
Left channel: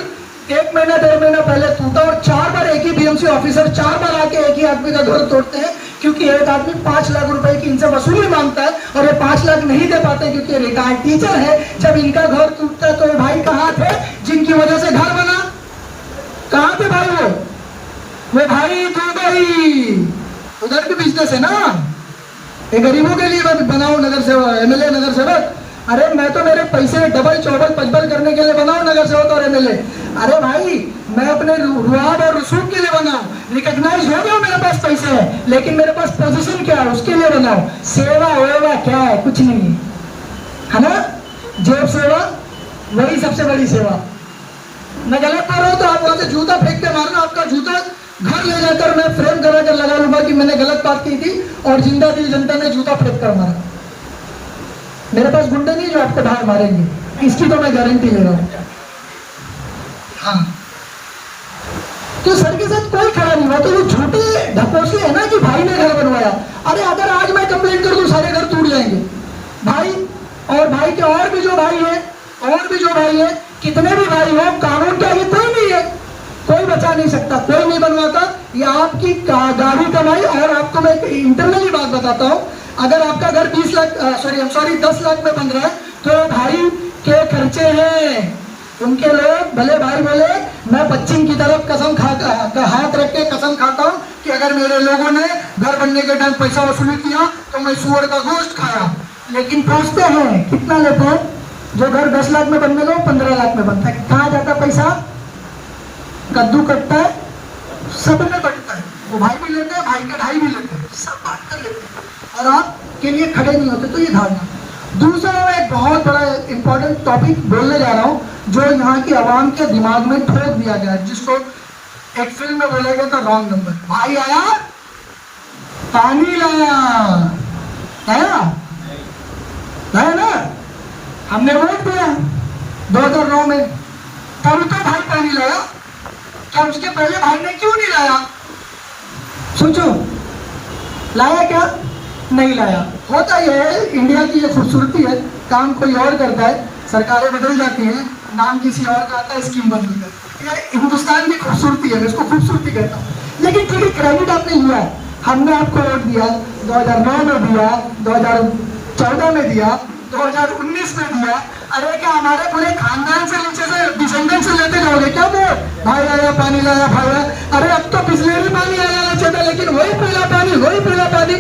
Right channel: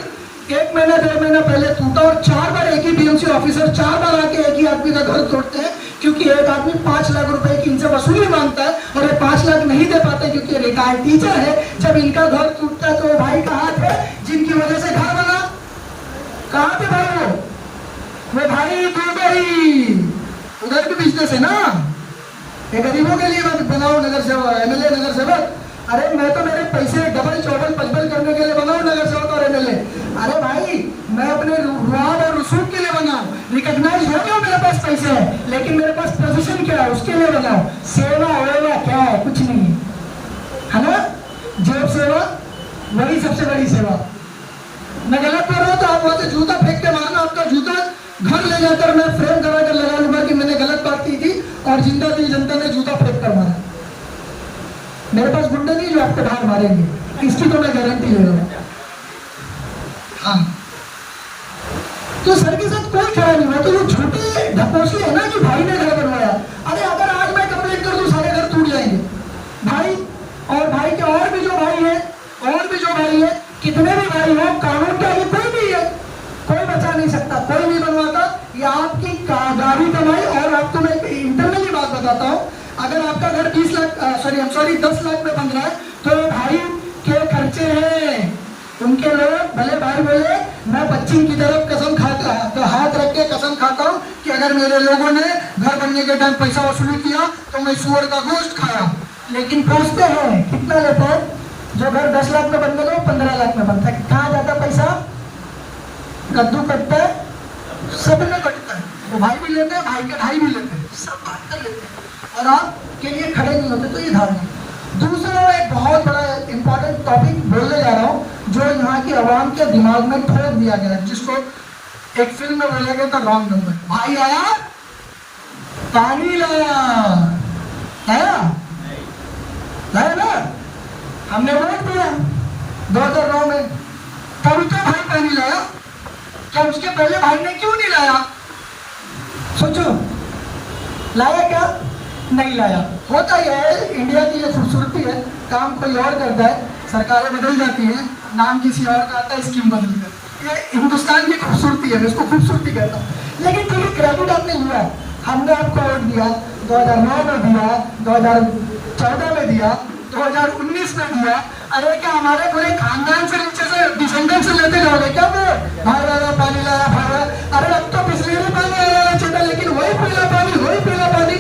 1 महीना 1.5 महीना पहले टूटा और 4 बार एक ही बीएमसी ऑफिसर 4 बार आके एक ही आदमी का घर तोड़ते हैं, क्योंकि एक आदमी 5 लाख रुपए की इनसे वसूली मांगता है और ये 5 लाख नहीं दे पाते क्योंकि रिटायर्ड टीचर है। जब इनका घर टूटता है तो ये भाई का हाथ है जिनकी वजह से घर बना। कहाँ पे भाई? वो भाई दुबई, उधर भी बिजनेस है ना, ये गरीबों के लिए बनाओ नगर सेवक, एमएलए नगर सेवक। अरे मैं तो मेरे पैसे डबल चौबल पचबल करने के लिए बनाऊं नगर सेवक और एमएलए। अरे भाई, मैं अपने रुआब और रसूख के लिए बनाऊं, रिकॉग्नाइज हो गया मेरे पास पैसे है, लेकिन मेरे पास पोजीशन क्या है उसके लिए बनाऊं। सेवा वेवा क्या है? कुछ नहीं है ना। जेब सेवा वही सबसे बड़ी सेवा। मैं गलत कर रहा हूं तो आप वहां से जूता फेंक के मारना, आपका जूता घर ले जाकर मैं फ्रेम करा कर लगा लूंगा कि मैंने गलत बात की थी और जिंदा दिल जनता ने जूता फेंक कर मारा। मेरे पास गुंडे नहीं जो आपको बाहर मारेंगे, इसकी तो मैं गारंटी ले रहा हूं। हाँ, तो सर के साथ कोई खड़ा नहीं हुआ, तो वो झूठे ढकोसले है ना कि भाई ने घर बनवाया। अरे अगर आज मैं कंप्लेंट कर दूं सारे घर टूट जाएंगे भाई, और भाई के और भी जो भाई है, और भी जो भाई है, कितने भी भाई हो, कानून के आगे कोई नहीं है, कोई बचा नहीं सकता, कोई नहीं बनवाता। ये आपकी गाड़ी कमाई। और आपको मैं इंटरनली बात बताता हूँ, अगर आपका घर 10 लाख में बन रहा है तो भाई के खर्चे हैं उनके। लोग भले भाई बोले, मैं पश्चिम की तरफ कसम खाता, हाथ रख के कसम खाता हूँ कि अगर मेरे लोगों ने घर बनने के टाइम पैसा वसूली किया तो मैं सुअर का गोश्त खाया। लेकिन पूछते हैं कितना लेते हैं? जो घर 10 लाख में बनने लो 15 लाख में बनता है। कहाँ जाता पैसा? कद्दू कटता है, सब में कटता है। वो भाई भी लेते हैं, भाई के भाई भी लेते हैं, सब बांट कर लेते हैं और आप के लिए खड़े नहीं होते। तो ये धारणा। दूसरा मैं एक बहुत बड़ा इंपॉर्टेंट टॉपिक बोलने जा रहा हूँ जो यहाँ की आवाम के दिमाग में ठोक दिया गया, जिसको एक फिल्म में बोला गया था रॉन्ग नंबर। भाई आया, पानी लाया, लाया ना? हमने वोट दिया 2009 में, तब तो भाई पानी लाया। क्या उसके पहले भाई ने क्यों नहीं लाया? सोचो, लाया क्या? नहीं लाया। होता यह है, इंडिया की ये खूबसूरती है, काम कोई और करता है, सरकारें बदल जाती हैं, नाम किसी और का आता है, स्कीम बदल जाती है। ये हिंदुस्तान की खूबसूरती है, इसको खूबसूरती करता है। लेकिन ठीक है, क्रेडिट आपने लिया है, हमने आपको वोट दिया, 2009 में दिया, 2014 में दिया, 2019 में दिया। अरे क्या हमारे पूरे खानदान से नीचे से डिसेंडेंट से लेते जाओगे क्या? वो भाई आया पानी लाया, भाई आया। अरे अब तो पिछले भी पानी आया छोटा, लेकिन वही पीला पानी, वही पीला पानी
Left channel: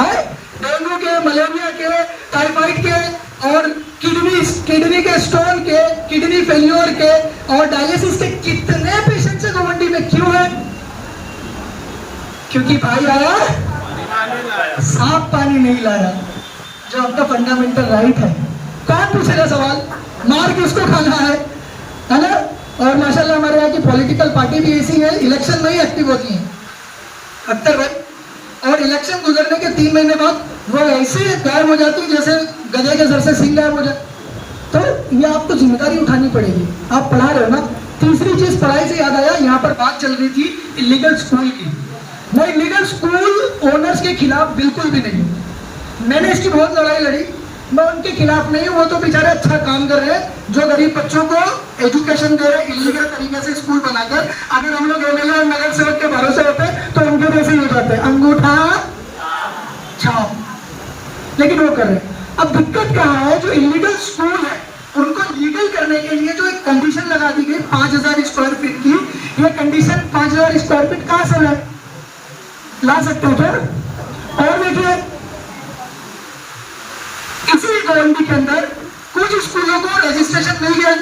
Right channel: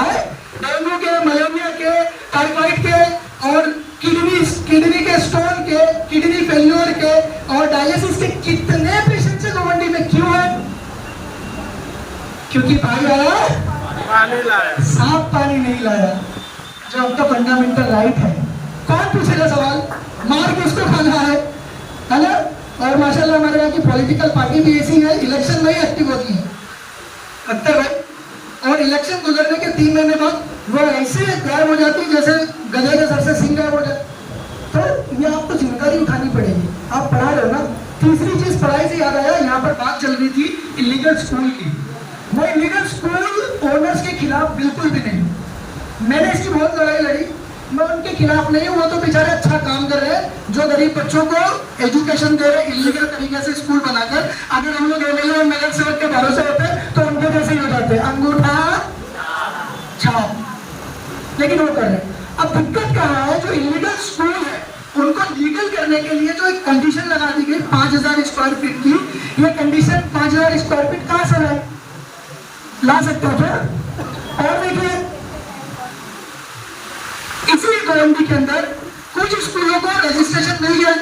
है। डेंगू के, मलेरिया के, टाइफाइड के और किडनी के स्टोन के, किडनी फेल्योर के और डायलिसिस के कितने पेशेंट से गवर्नमेंट में क्यों है? क्योंकि भाई आया, साफ पानी नहीं लाया, जो आपका फंडामेंटल राइट है। कौन पूछेगा सवाल? मार किसको खाना है ना? और माशाल्लाह हमारे यहाँ की पॉलिटिकल पार्टी भी ऐसी है, इलेक्शन में ही एक्टिव होती है अख्तर भाई, और इलेक्शन गुजरने के 3 महीने बाद वो ऐसी गायब हो जाती है जैसे गधे के सर से सिंह गायब हो जाए। तो ये आपको जिम्मेदारी उठानी पड़ेगी। आप पढ़ा रहे हो ना। तीसरी चीज पढ़ाई से याद आया, यहाँ पर बात चल रही थी इलीगल स्कूल की। मैं इलीगल स्कूल ओनर्स के खिलाफ बिल्कुल भी नहीं हूँ, मैंने इसकी बहुत लड़ाई लड़ी, मैं उनके खिलाफ नहीं हूँ। वो तो बेचारे अच्छा काम कर रहे हैं, जो गरीब बच्चों को एजुकेशन दे रहे, इलीगल तरीके से स्कूल बनाकर। अगर हम लोग एमएलए और नगर सेवक के भरोसे होते तो उनके जैसे ही करते, अंगूठा छाप, लेकिन वो कर रहे हैं। अब दिक्कत कहाँ है? जो इलीगल स्कूल है उनको लीगल करने के लिए जो एक कंडीशन लगा दी गई 5000 स्क्वायर फीट की, ये कंडीशन 5000 स्क्वायर फीट कहाँ से लाए? ला सकते हो क्या? और देखिए, इसी गवर्नमेंट के अंदर कुछ स्कूलों को रजिस्ट्रेशन मिल गया,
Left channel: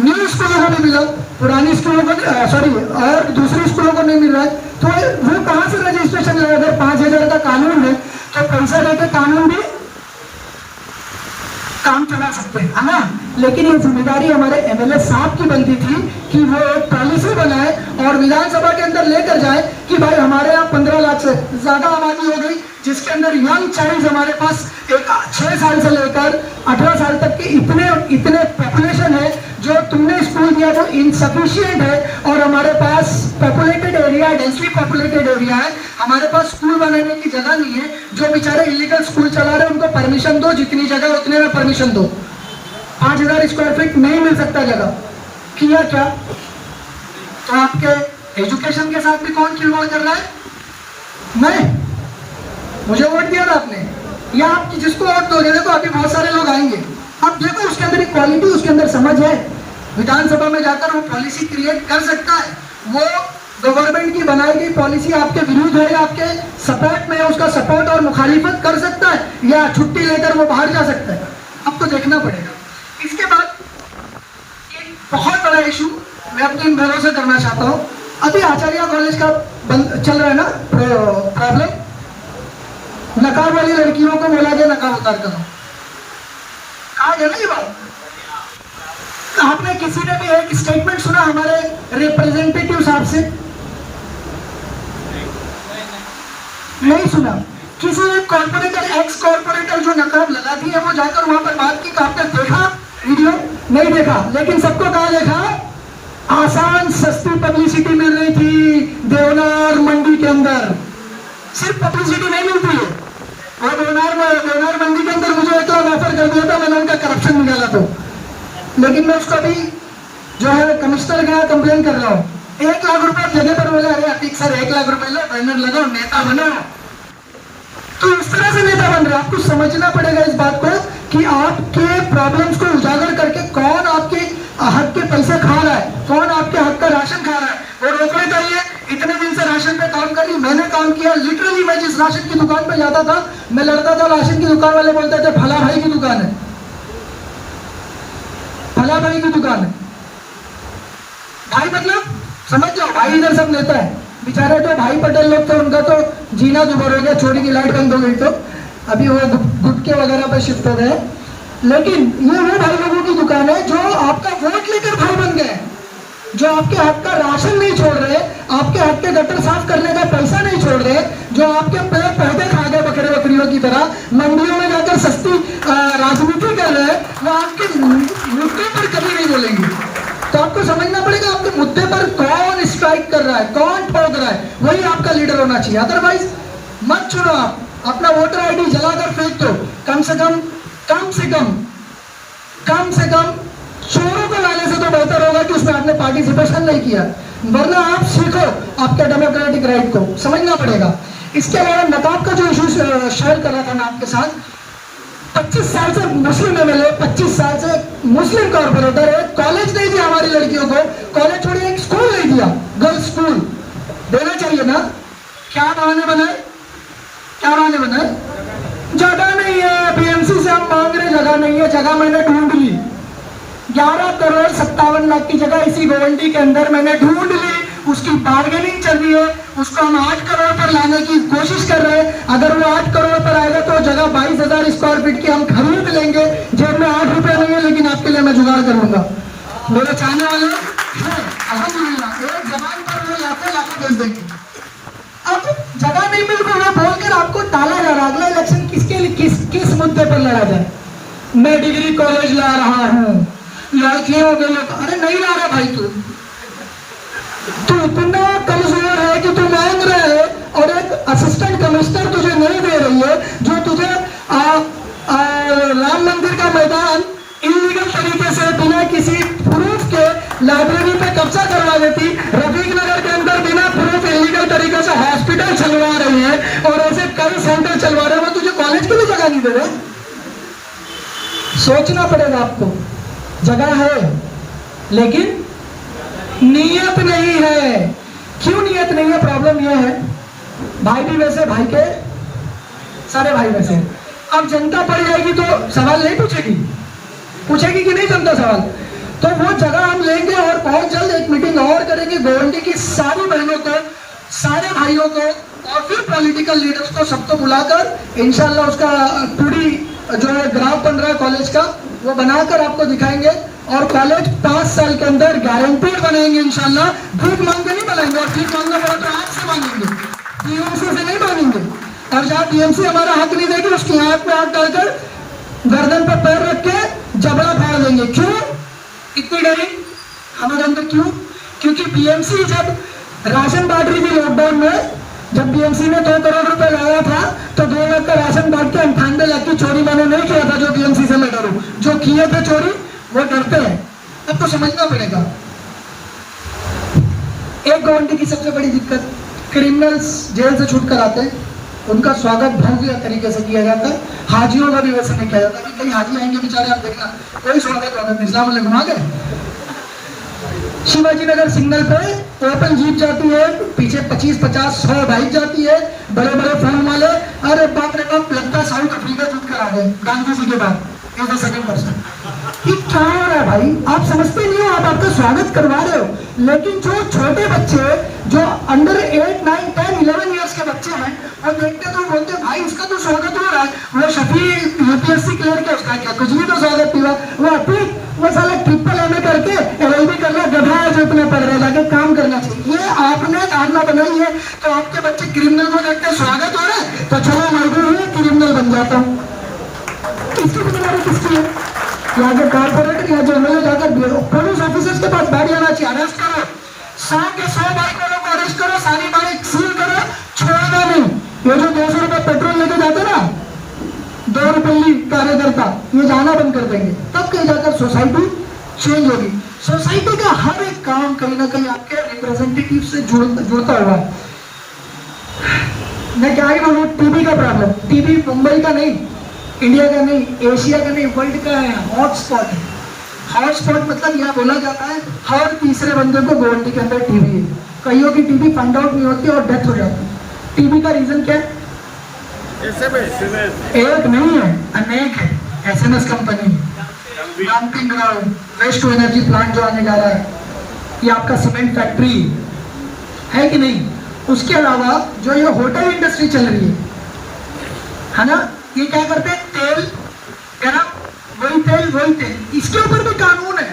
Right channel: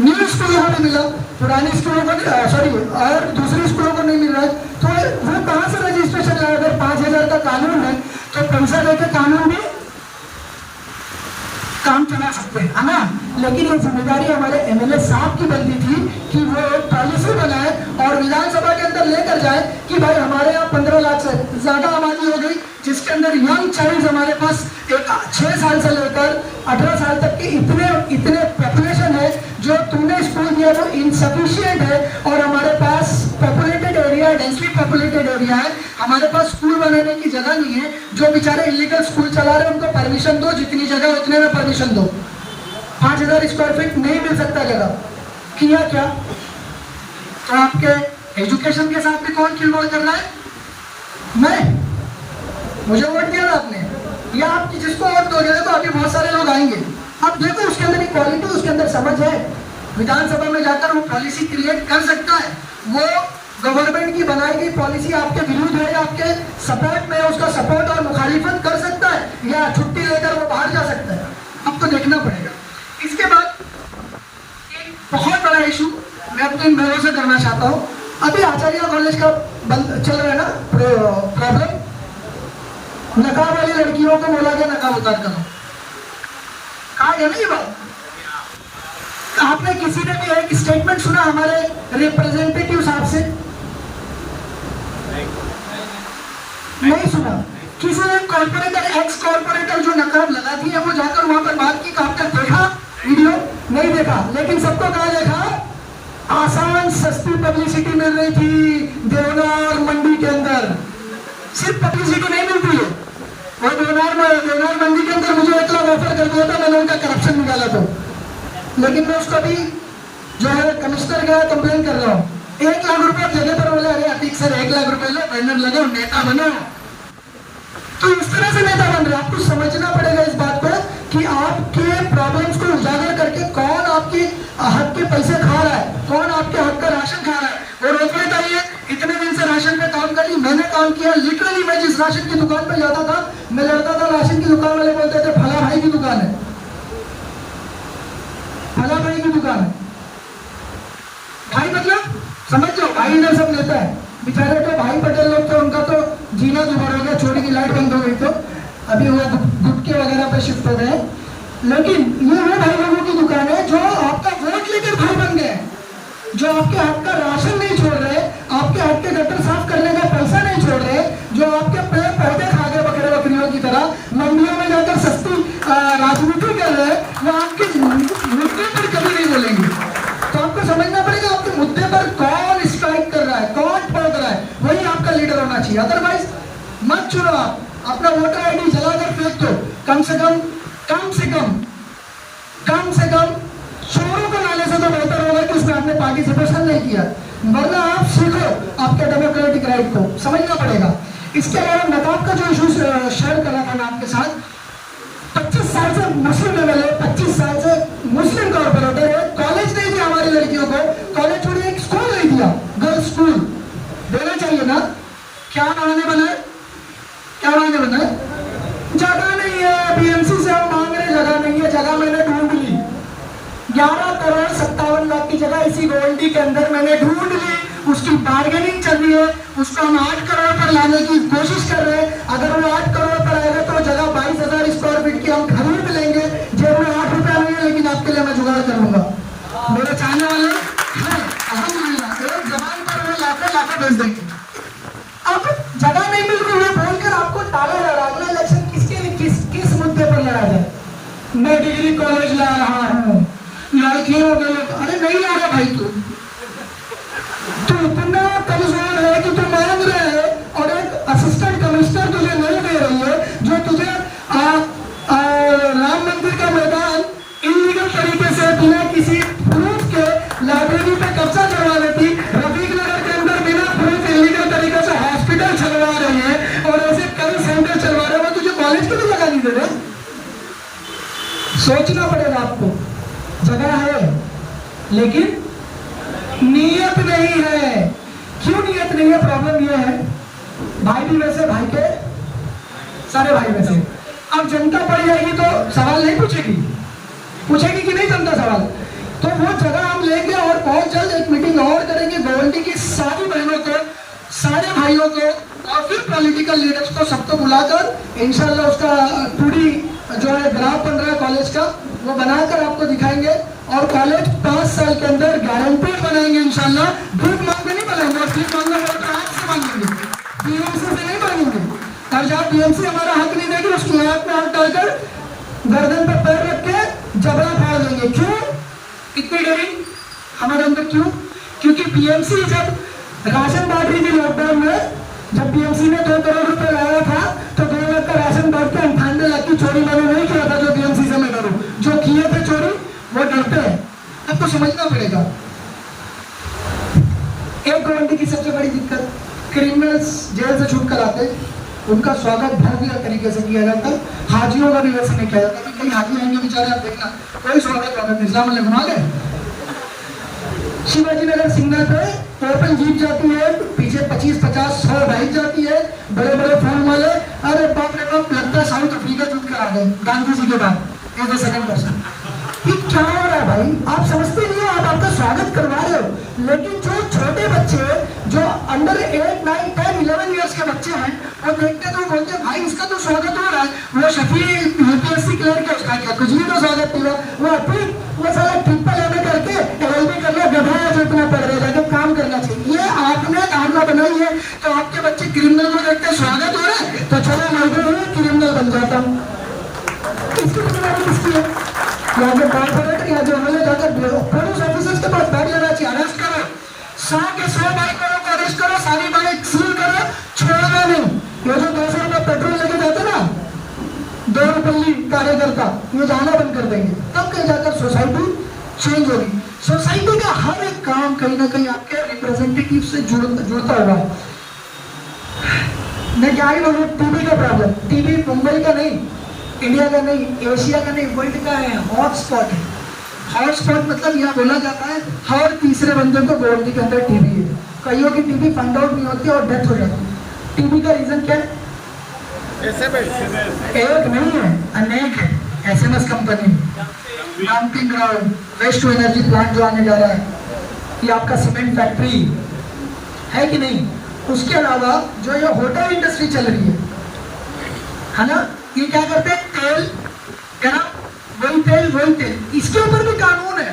न्यू स्कूलों को मिला, पुरानी स्कूलों को सॉरी और दूसरी स्कूलों को नहीं मिल रहा है। तो वो कहां से रजिस्ट्रेशन लाया? अगर 5000 का कानून है तो पैसा देके कानून भी काम चला सकते हैं, है ना? लेकिन ये जिम्मेदारी हमारे एमएलए साहब की बनती थी कि वो एक पॉलिसी बनाए और विधानसभा के अंदर लेकर जाए कि भाई हमारे यहाँ 15 लाख से ज्यादा आबादी हो गई, जिसके अंदर यंग चाइल्ड हमारे पास 6 साल से लेकर 18 साल तक की इतने पॉपुलेशन है। जो तुमने स्कूल दिया वो इनसफिशियंट है और हमारे पास populated area, densely populated area है, हमारे पास स्कूल बनाने की जगह नहीं है। जो बेचारे इलीगल स्कूल चला रहे हैं उनको परमिशन दो, जितनी जगह उतने में परमिशन दो। 5000 स्क्वायर फीट नहीं मिल सकता जगह, किया क्या? तो आपके एजुकेशन के साथ भी कौन खिलवाड़ कर रहा है? मैं, मुझे वोट दिया ना आपने, या आप जिसको वोट दोगे तो अभी बहुत सारे लोग आएंगे। अब देखो उसके अंदर एक क्वालिटी, उसके अंदर समझ है, विधानसभा में जाकर वो पॉलिसी क्रिएट कर सकता है। वो गवर्नमेंट की बनाई गई पॉलिसी आपके विरुद्ध है, आपके सपोर्ट में है, उसका सपोर्ट और मुखालिफत कर सकता है, या छुट्टी लेकर वो बाहर जा सकता है। अब तो देखना पड़ेगा। इसके बाद एक बहुत बड़ा इशू मैं अपने इन भाइयों से करना चाहता हूँ। अभी आचार्य कॉलेज का बंद चल रहा है ना प्रॉब्लम, नकाब वाली लड़कियों को बोला गया नकाब उतार कर, कहा गया ना ये बात? आपने किसी ने भी एक स्टेटमेंट सुना हमारे रिप्रेजेंटेटिव साहब से? नहीं सुना। किसी एक कॉर्पोरेटर, एक्स कॉर्पोरेटर जो नकाब लगाती है वो जाकर वहां पर बात की, आपने देखा वीडियो? नहीं देखा। लेकिन सबको कहा देखा, आसान सस्ती पब्लिसिटी मिल रही थी देवनार मंडी के अंदर। सिर्फ पब्लिसिटी नहीं मिलती है, और देवनार मंडी के अंदर मुझे इतना ऑफर कर दिया था, मैंने उनका करप्शन निकाला तो। लेकिन मैं उसका भी जो है कमिश्नर का कंप्लेन कर रहा हूँ। 1 लाख रुपए जगह पर बोला, अरे अतीक सर 1 लाख रुपए लो, बैनर लगाओ, नेता बनो। तो इस तरह से नेता बन रहा है। आपको समझना पड़ेगा इस बात को कि आपके प्रॉब्लम्स को उजागर करके कौन आपके हक के पैसे खा रहा है, कौन आपके हक का राशन खा रहा है। और रोकना चाहिए। इतने दिन से राशन पे काम कर रही, मैंने काम किया, लिटरली मैं जिस राशन की दुकान पे जाता था, मैं लड़ता था, राशन की दुकान वाले बोलते थे फला भाई की दुकान है, फला भाई की दुकान है। भाई मतलब समझ लो, भाई इधर सब लेता है। बेचारे तो भाई पटेल लोग थे, उनका तो जीना दुभर हो गया, चोरी की लाइट बंद हो गई, तो अभी वो गुटके वगैरह पे शिफ्ट हो गए। लेकिन ये वो भाई लोगों की दुकान है जो आपका वोट लेकर भाई बन गए, जो आपके हक का राशन नहीं छोड़ रहे, आपके हक के गटर साफ करने का पैसा नहीं छोड़ रहे, जो आपके पेड़ पौधे खा गए बकरे बकरियों की तरह, मंडियों में जाकर सस्ती राजनीति कर रहे, वो आपके मुद्दे पर कभी नहीं बोलेंगे। तो आपको समझना पड़ेगा आपके मुद्दे पर कौन स्ट्राइक कर रहा है, कौन ठोक रहा है, वही आपका लीडर होना चाहिए। अदरवाइज मत चुनो, आप अपना वोटर आईडी जलाकर फेंक दो। कम से कम चोरों को लाने से तो बेहतर होगा कि उसमें आपने पार्टिसिपेशन नहीं किया, वरना आप सीखो आपके डेमोक्रेटिक राइट को समझना पड़ेगा। इसके अलावा नकाब का जो इशू शेयर कर रहा था मैं आपके साथ, 25 साल से मुस्लिम एमएलए, 25 साल से मुस्लिम कॉर्पोरेटर है, कॉलेज नहीं दिया हमारी लड़कियों को, कॉलेज छोड़िए एक स्कूल नहीं दिया, गर्ल्स स्कूल देना चाहिए ना। क्या बहाने बनाए, क्या बहाने बनाए? जगह नहीं है, बीएमसी से हम मांग रहे, जगह नहीं है, जगह मैंने ढूंढ ली, 11,57,00,000 की जगह इसी गोवंडी के अंदर मैंने ढूंढ ली, उसकी बार्गेनिंग चल रही है, उसको हम 8 करोड़ पर लाने की कोशिश कर रहे हैं। अगर वो 8 करोड़ पर आएगा तो जगह 22,000 स्क्वायर फीट की हम खरीद लेंगे। जेब में 8 रुपए नहीं है, लेकिन आपके लिए मैं जुगाड़ करूंगा। मेरे चाहने वाले अल्हम्दुलिल्लाह एक जबान पर वो लाखों भेज देंगे। अब जगह नहीं मिल रही है बोलकर आपको टाला जा रहा है। अगला इलेक्शन किसके लिए, किस मुद्दे पर लड़ा जाए? मैं डिग्री कॉलेज ला रहा हूँ, लड़कियों के लिए, अरे नहीं ला रहा भाई, तू इतना कमजोर है कि तू मांग रहे है और एक असिस्टेंट कमिश्नर तुझे नहीं दे रही है, जो तुझे राम मंदिर का मैदान इलीगल तरीके से बिना किसी प्रूफ के लाइब्रेरी पे कब्जा करवा देती, रफीक नगर के अंदर बिना प्रूफ इलीगल तरीके से हॉस्पिटल चलवा रही है और ऐसे कई सेंटर चलवा रहे हो, तुझे कॉलेज के लिए जगह नहीं दे रहे। सोचना पड़ेगा आपको, जगह है लेकिन नियत नहीं है। क्यों नियत नहीं है? प्रॉब्लम यह है, भाई भी वैसे, भाई के सारे भाई वैसे। अब जनता पड़ जाएगी तो सवाल नहीं पूछेगी, पूछेगी कि नहीं जनता सवाल? तो वो जगह हम लेंगे और बहुत जल्द एक मीटिंग और करेंगे गोवंडी की सारी बहनों को, सारे भाइयों को और फिर पॉलिटिकल लीडर्स को, सबको बुलाकर इंशाल्लाह उसका 2D जो है ग्राफ बन रहा है कॉलेज का, वो बनाकर आपको दिखाएंगे और कॉलेज 5 साल के अंदर गारंटी बनाएंगे इंशाल्लाह। भीख मांग के नहीं बनाएंगे, और भीख मांगना पड़ा तो आपसे मांगेंगे, बीएमसी से नहीं मांगेंगे। और जहाँ बीएमसी हमारा हक नहीं देगी, उसकी हाथ में हाथ डालकर गर्दन पर पैर रख के जबड़ा फाड़ देंगे। क्यों इतनी डरी हमारे अंदर? क्यों? क्योंकि बीएमसी जब राशन बांट रही थी लॉकडाउन में, जब बीएमसी ने 2 करोड़ रुपए लाया था तो 2 लाख का राशन बांट के 98 लाख की चोरी मैंने नहीं किया था, जो बीएमसी से मैं डरूं। जो किए थे चोरी वो डरते हैं। अब तो समझना पड़ेगा। एक गोवंडी की सबसे बड़ी दिक्कत, क्रिमिनल्स जेल से छूट कर आते, उनका स्वागत भव्य तरीके से किया जाता, हाजियों का भी वैसे नहीं किया जाता कि कई हाजी आएंगे बेचारे, आप देखना कोई स्वागत इस्लाम आ गए। शिवाजी नगर सिग्नल पे ओपन जीप जाती है, पीछे 25-50-100 बाइक जाती है, बड़े बड़े फॉर्म वाले, अरे बाप रे बाप, लगता है साउथ अफ्रीका जीत कर आ गए गांधी जी के बाद एज ए सेकंड पर्सन। ये क्या हो रहा है भाई? आप समझते नहीं हो, आप आपका स्वागत करवा रहे हो, लेकिन जो छोटे बच्चे जो अंडर 8, 9, 10, 11 ईयर्स के बच्चे हैं, वो देखते तो बोलते हैं भाई उसका तो स्वागत हो रहा है, वो शफी यूपीएससी क्लियर किया, उसका क्या कुछ भी तो स्वागत हुआ, वो अपनी वो साला ट्रिपल एमए करके एलएलबी कर लिया, गधा जो इतना पढ़ रहे लगे काम करना चाहिए। ये आपने धारणा बनाई है, तो आपके बच्चे क्रिमिनल को देखते स्वागत हो रहा है तो चलो मैं क्रिमिनल बन जाता हूँ। इसकी जिम्मेदारी किसकी है? यहाँ के कॉर्पोरेटर, यहाँ जो एमएलए जाकर पुलिस ऑफिसर्स के पास बैठ जाना चाहिए, अरेस्ट करो 100 के 100 बाइकों को अरेस्ट करो, सारी बाइक सील करो, छोड़ना नहीं। ये जो 200 रुपए पेट्रोल लेके जाते ना, 2 रुपये कार्यकर्ता, ये जाना बंद कर देंगे, तब कहीं जाकर सोसाइटी चेंज होगी। सोसाइटी का हर एक काम कहीं ना कहीं आपके रिप्रेजेंटेटिव से जुड़ता हुआ। मैं क्या ही बोलूं, टीबी का प्रॉब्लम, टीबी मुंबई का नहीं, इंडिया का नहीं, एशिया का नहीं, वर्ल्ड का है, हॉटस्पॉट है। हॉटस्पॉट मतलब यह बोला जाता है हर तीसरे बंदे को गोवंडी के अंदर टीबी है। कईयों की टीबी फाइंड आउट नहीं होती और डेथ हो जाती है। टीबी का रीजन क्या है? एक नहीं है, अनेक है। SMS company, dumping ground, waste to energy plant जो आने जा रहा है, ये आपका सीमेंट फैक्ट्री है कि नहीं। उसके अलावा जो ये होटल इंडस्ट्री चल रही है ना, ये क्या करते हैं, तेल है ना, वही तेल, इसके ऊपर भी कानून है।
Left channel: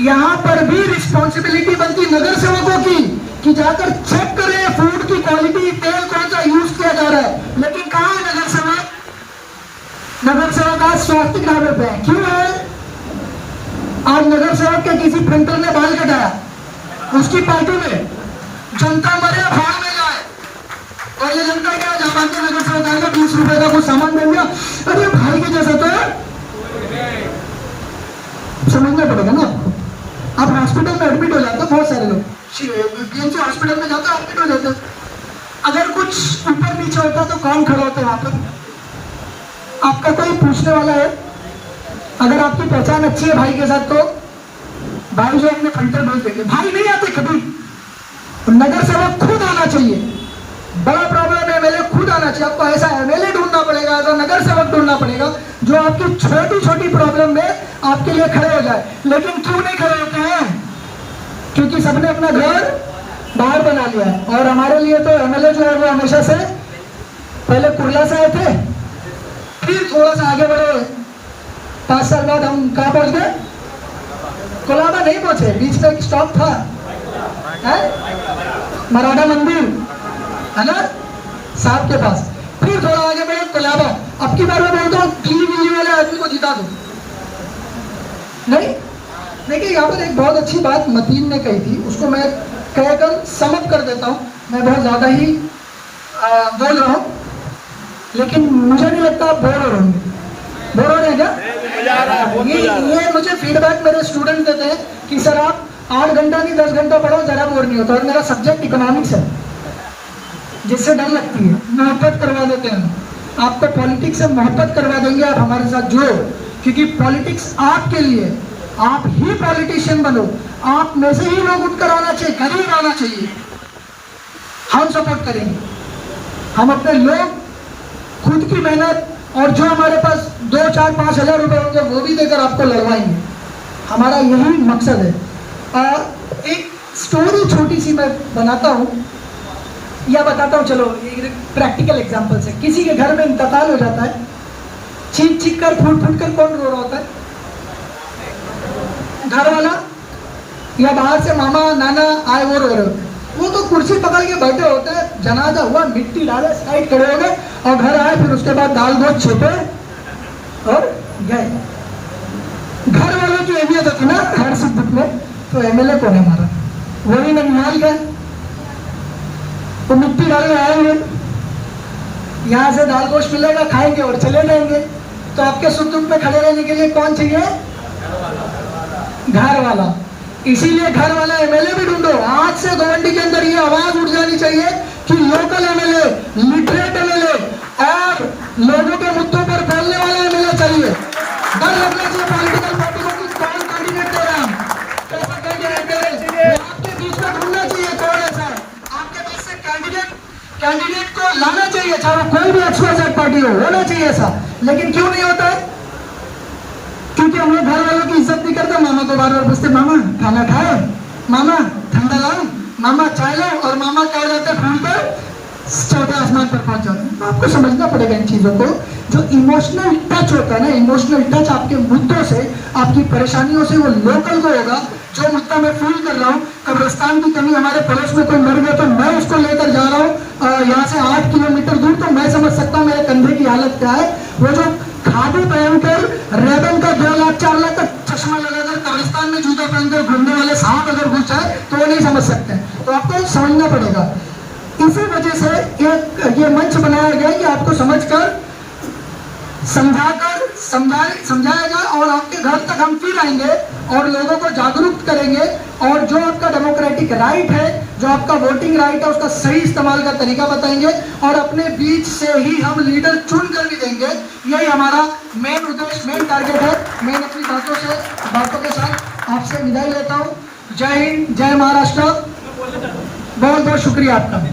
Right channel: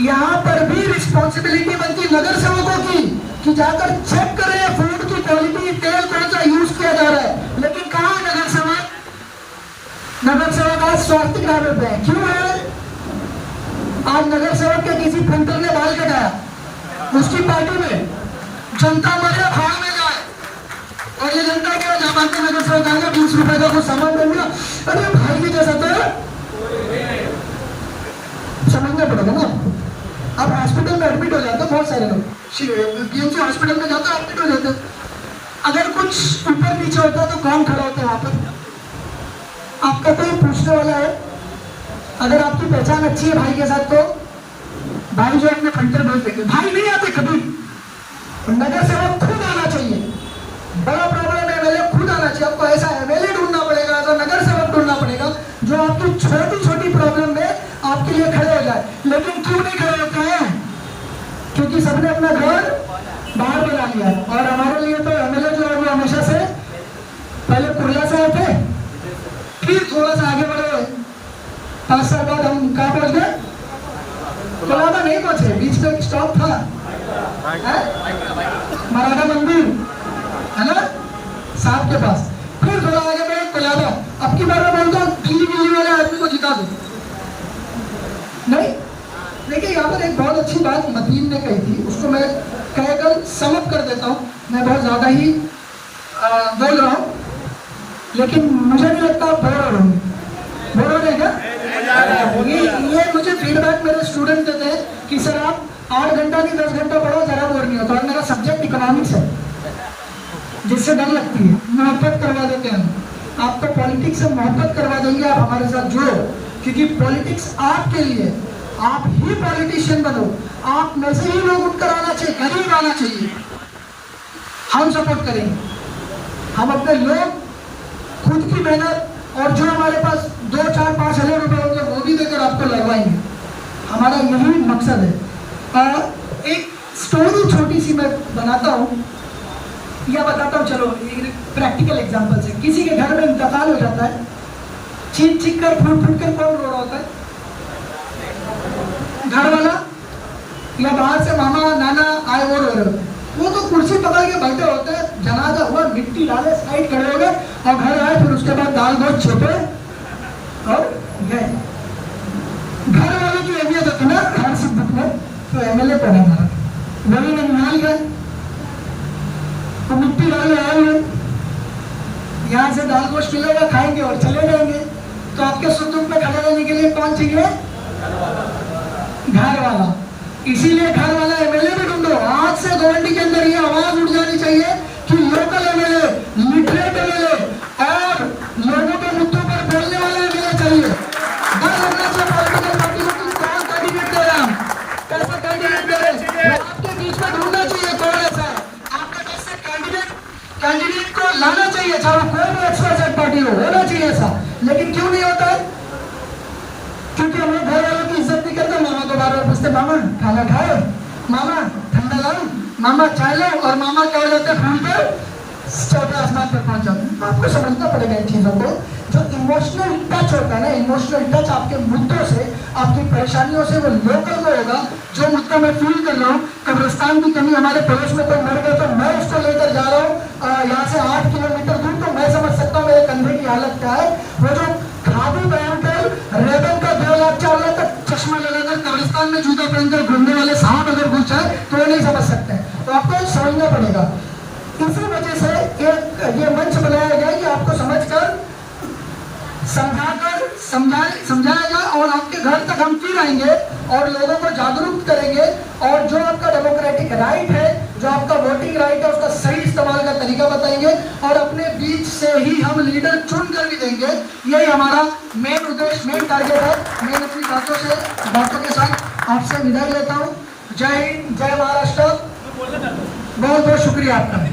यहाँ पर भी रिस्पॉन्सिबिलिटी बनती नगर सेवकों की कि जाकर चेक करें फूड की क्वालिटी, तेल कौन सा यूज किया जा रहा है। लेकिन कहाँ है नगर सेवक? नगर सेवक आज स्वास्थ्य ग्राहक पे है। क्यों है? आज नगर सेवक के किसी प्रिंटर ने बाल कटाया, उसकी पार्टी में जनता मरे भाड़ में जाए, और ये जनता क्या जापान के नगर सेवक आएगा, 20 रुपए का कुछ सामान बन गया, अरे भाई के जैसा तो समझना पड़ेगा ना आपको। आप हॉस्पिटल में एडमिट हो जाते हैं, बहुत सारे लोग BMC हॉस्पिटल में जाते हैं, एडमिट हो जाते हैं। अगर कुछ ऊपर नीचे होता है तो कौन खड़ा होता है वहां पर? आपका कोई पूछने वाला है? अगर आपकी पहचान अच्छी है भाई के साथ तो भाई जो अपने फिल्टर भेज देंगे, भाई नहीं आते कभी। नगर सेवक खुद आना चाहिए। बड़ा प्रॉब्लम है, एमएलए खुद आना चाहिए। आपको ऐसा एमएलए ढूंढना पड़ेगा, ऐसा नगर सेवक ढूंढना पड़ेगा जो आपकी छोटी छोटी प्रॉब्लम में आपके लिए खड़े हो जाए। लेकिन क्यों नहीं खड़े होते हैं? क्योंकि सबने अपना घर बाहर बना लिया है। और हमारे लिए तो एमएलए जो है वो हमेशा से पहले कुर्ला से आए थे, फिर थोड़ा सा आगे बढ़े, 5 साल बाद हम कहाँ पहुंच गए? कोलाबा नहीं पहुंचे, बीच में एक स्टॉप था मराठा मंदिर है ना, साहब के पास, फिर थोड़ा आगे बढ़े कोलाबा। अब की बार मैं बोलता हूँ दिल्ली वाले आदमी को जिता दो। नहीं, देखिए यहाँ पर एक बहुत अच्छी बात मतीन ने कही थी, उसको मैं कहकर समझ कर देता हूँ। मैं बहुत ज्यादा ही बोल रहा हूँ, लेकिन मुझे नहीं लगता आप बोल रहे हैं क्या? ये मुझे फीडबैक मेरे स्टूडेंट देते हैं कि सर आप 8 घंटा नहीं 10 घंटा पढ़ो, जरा बोर नहीं होता। और मेरा सब्जेक्ट इकोनॉमिक्स है, जिससे डर लगती है, मोहब्बत करवा देते हैं। आपको पॉलिटिक्स से मोहब्बत करवा देंगे, आप हमारे साथ जुड़ो, क्योंकि पॉलिटिक्स आपके लिए, आप ही पॉलिटिशियन बनो। आप में से ही लोग उठकर आना चाहिए, करीब आना चाहिए। हम सपोर्ट करेंगे, हम अपने लोग खुद की मेहनत और जो हमारे पास 2, 4, 5 हजार रुपए होंगे वो भी देकर आपको लड़वाएंगे। हमारा यही मकसद है। और एक स्टोरी छोटी सी मैं बनाता हूँ या बताता हूँ, चलो प्रैक्टिकल एग्जांपल से। किसी के घर में इंतकाल हो जाता है, चीख चीख कर फूट फूट कर कौन रो रहा होता है? घर वाला या बाहर से मामा नाना आए वो रो रहे होते हैं। वो तो कुर्सी पकड़ के बैठे होते हैं, जनाजा हुआ, मिट्टी डाले, साइड खड़े हो गए और घर आए, फिर उसके बाद दाल गोश्त छेपे और गए। घर वालों की अहमियत होती ना हर सुख दुख में। तो एमएलए कौन है हमारा? वही ननिहाल गए, तो मिट्टी डालने आएंगे, यहाँ से दाल गोश्त मिलेगा, खाएंगे और चले जाएंगे। तो आपके सुख दुख में खड़े रहने के लिए कौन चाहिए? घर वाला। इसीलिए घर वाला एमएलए भी ढूंढो। आज से गवर्नमेंट के अंदर ये आवाज उठ जानी चाहिए कि लोकल एमएलए, लिटरेट एमएलए और लोगों के मुद्दों पर बोलने वाले एमएलए चाहिए। डर लगना चाहिए पॉलिटिकल पार्टी को कि कौन कैंडिडेट दे रहे हैं, कैसा कैंडिडेट दे रहे हैं। आपके बीच में ढूंढना चाहिए कौन ऐसा है, आपके बीच से कैंडिडेट को लाना चाहिए, चाहे कोई भी अच्छा पार्टी होना चाहिए ऐसा। लेकिन क्यों नहीं होता है? क्योंकि हम लोग घर वालों की इज्जत नहीं करते। मामा को बार बार पूछते, मामा खाना खाए, मामा ठंडा लाओ, मामा चाय लाओ, और मामा क्या हो जाते हैं, कर चौथे आसमान पर पहुंच जाते हैं। तो आपको समझना पड़ेगा इन चीजों को। जो इमोशनल टच होता है ना, इमोशनल टच आपके मुद्दों से, आपकी परेशानियों से, वो लोकल को होगा। जो मुद्दा मैं फील कर रहा हूँ, कब्रिस्तान की कमी, हमारे पड़ोस में कोई मर गया तो मैं उसको लेकर जा रहा हूँ यहाँ से 8 किलोमीटर दूर, तो मैं समझ सकता हूँ मेरे कंधे की हालत क्या है। वो जो खादी पहनकर रेबन का 2 लाख 4 लाख का चश्मा लगाकर कब्रिस्तान में जूता पहनकर घूमने वाले साहब अगर घुस जाए तो वो नहीं समझ सकते हैं। तो आपको समझना पड़ेगा। इसी वजह से ये मंच बनाया गया कि आपको समझकर समझाएगा और आपके घर तक हम फिर आएंगे और लोगों को जागरूक करेंगे। और जो आपका डेमोक्रेटिक राइट है, जो आपका वोटिंग राइट है, उसका सही इस्तेमाल का तरीका बताएंगे और अपने बीच से ही हम लीडर चुन कर भी देंगे। यही हमारा मेन उद्देश्य, मेन टारगेट है। मैं अपनी बातों के साथ आपसे विदाई लेता हूँ। जय हिंद, जय महाराष्ट्र। बहुत बहुत शुक्रिया आपका।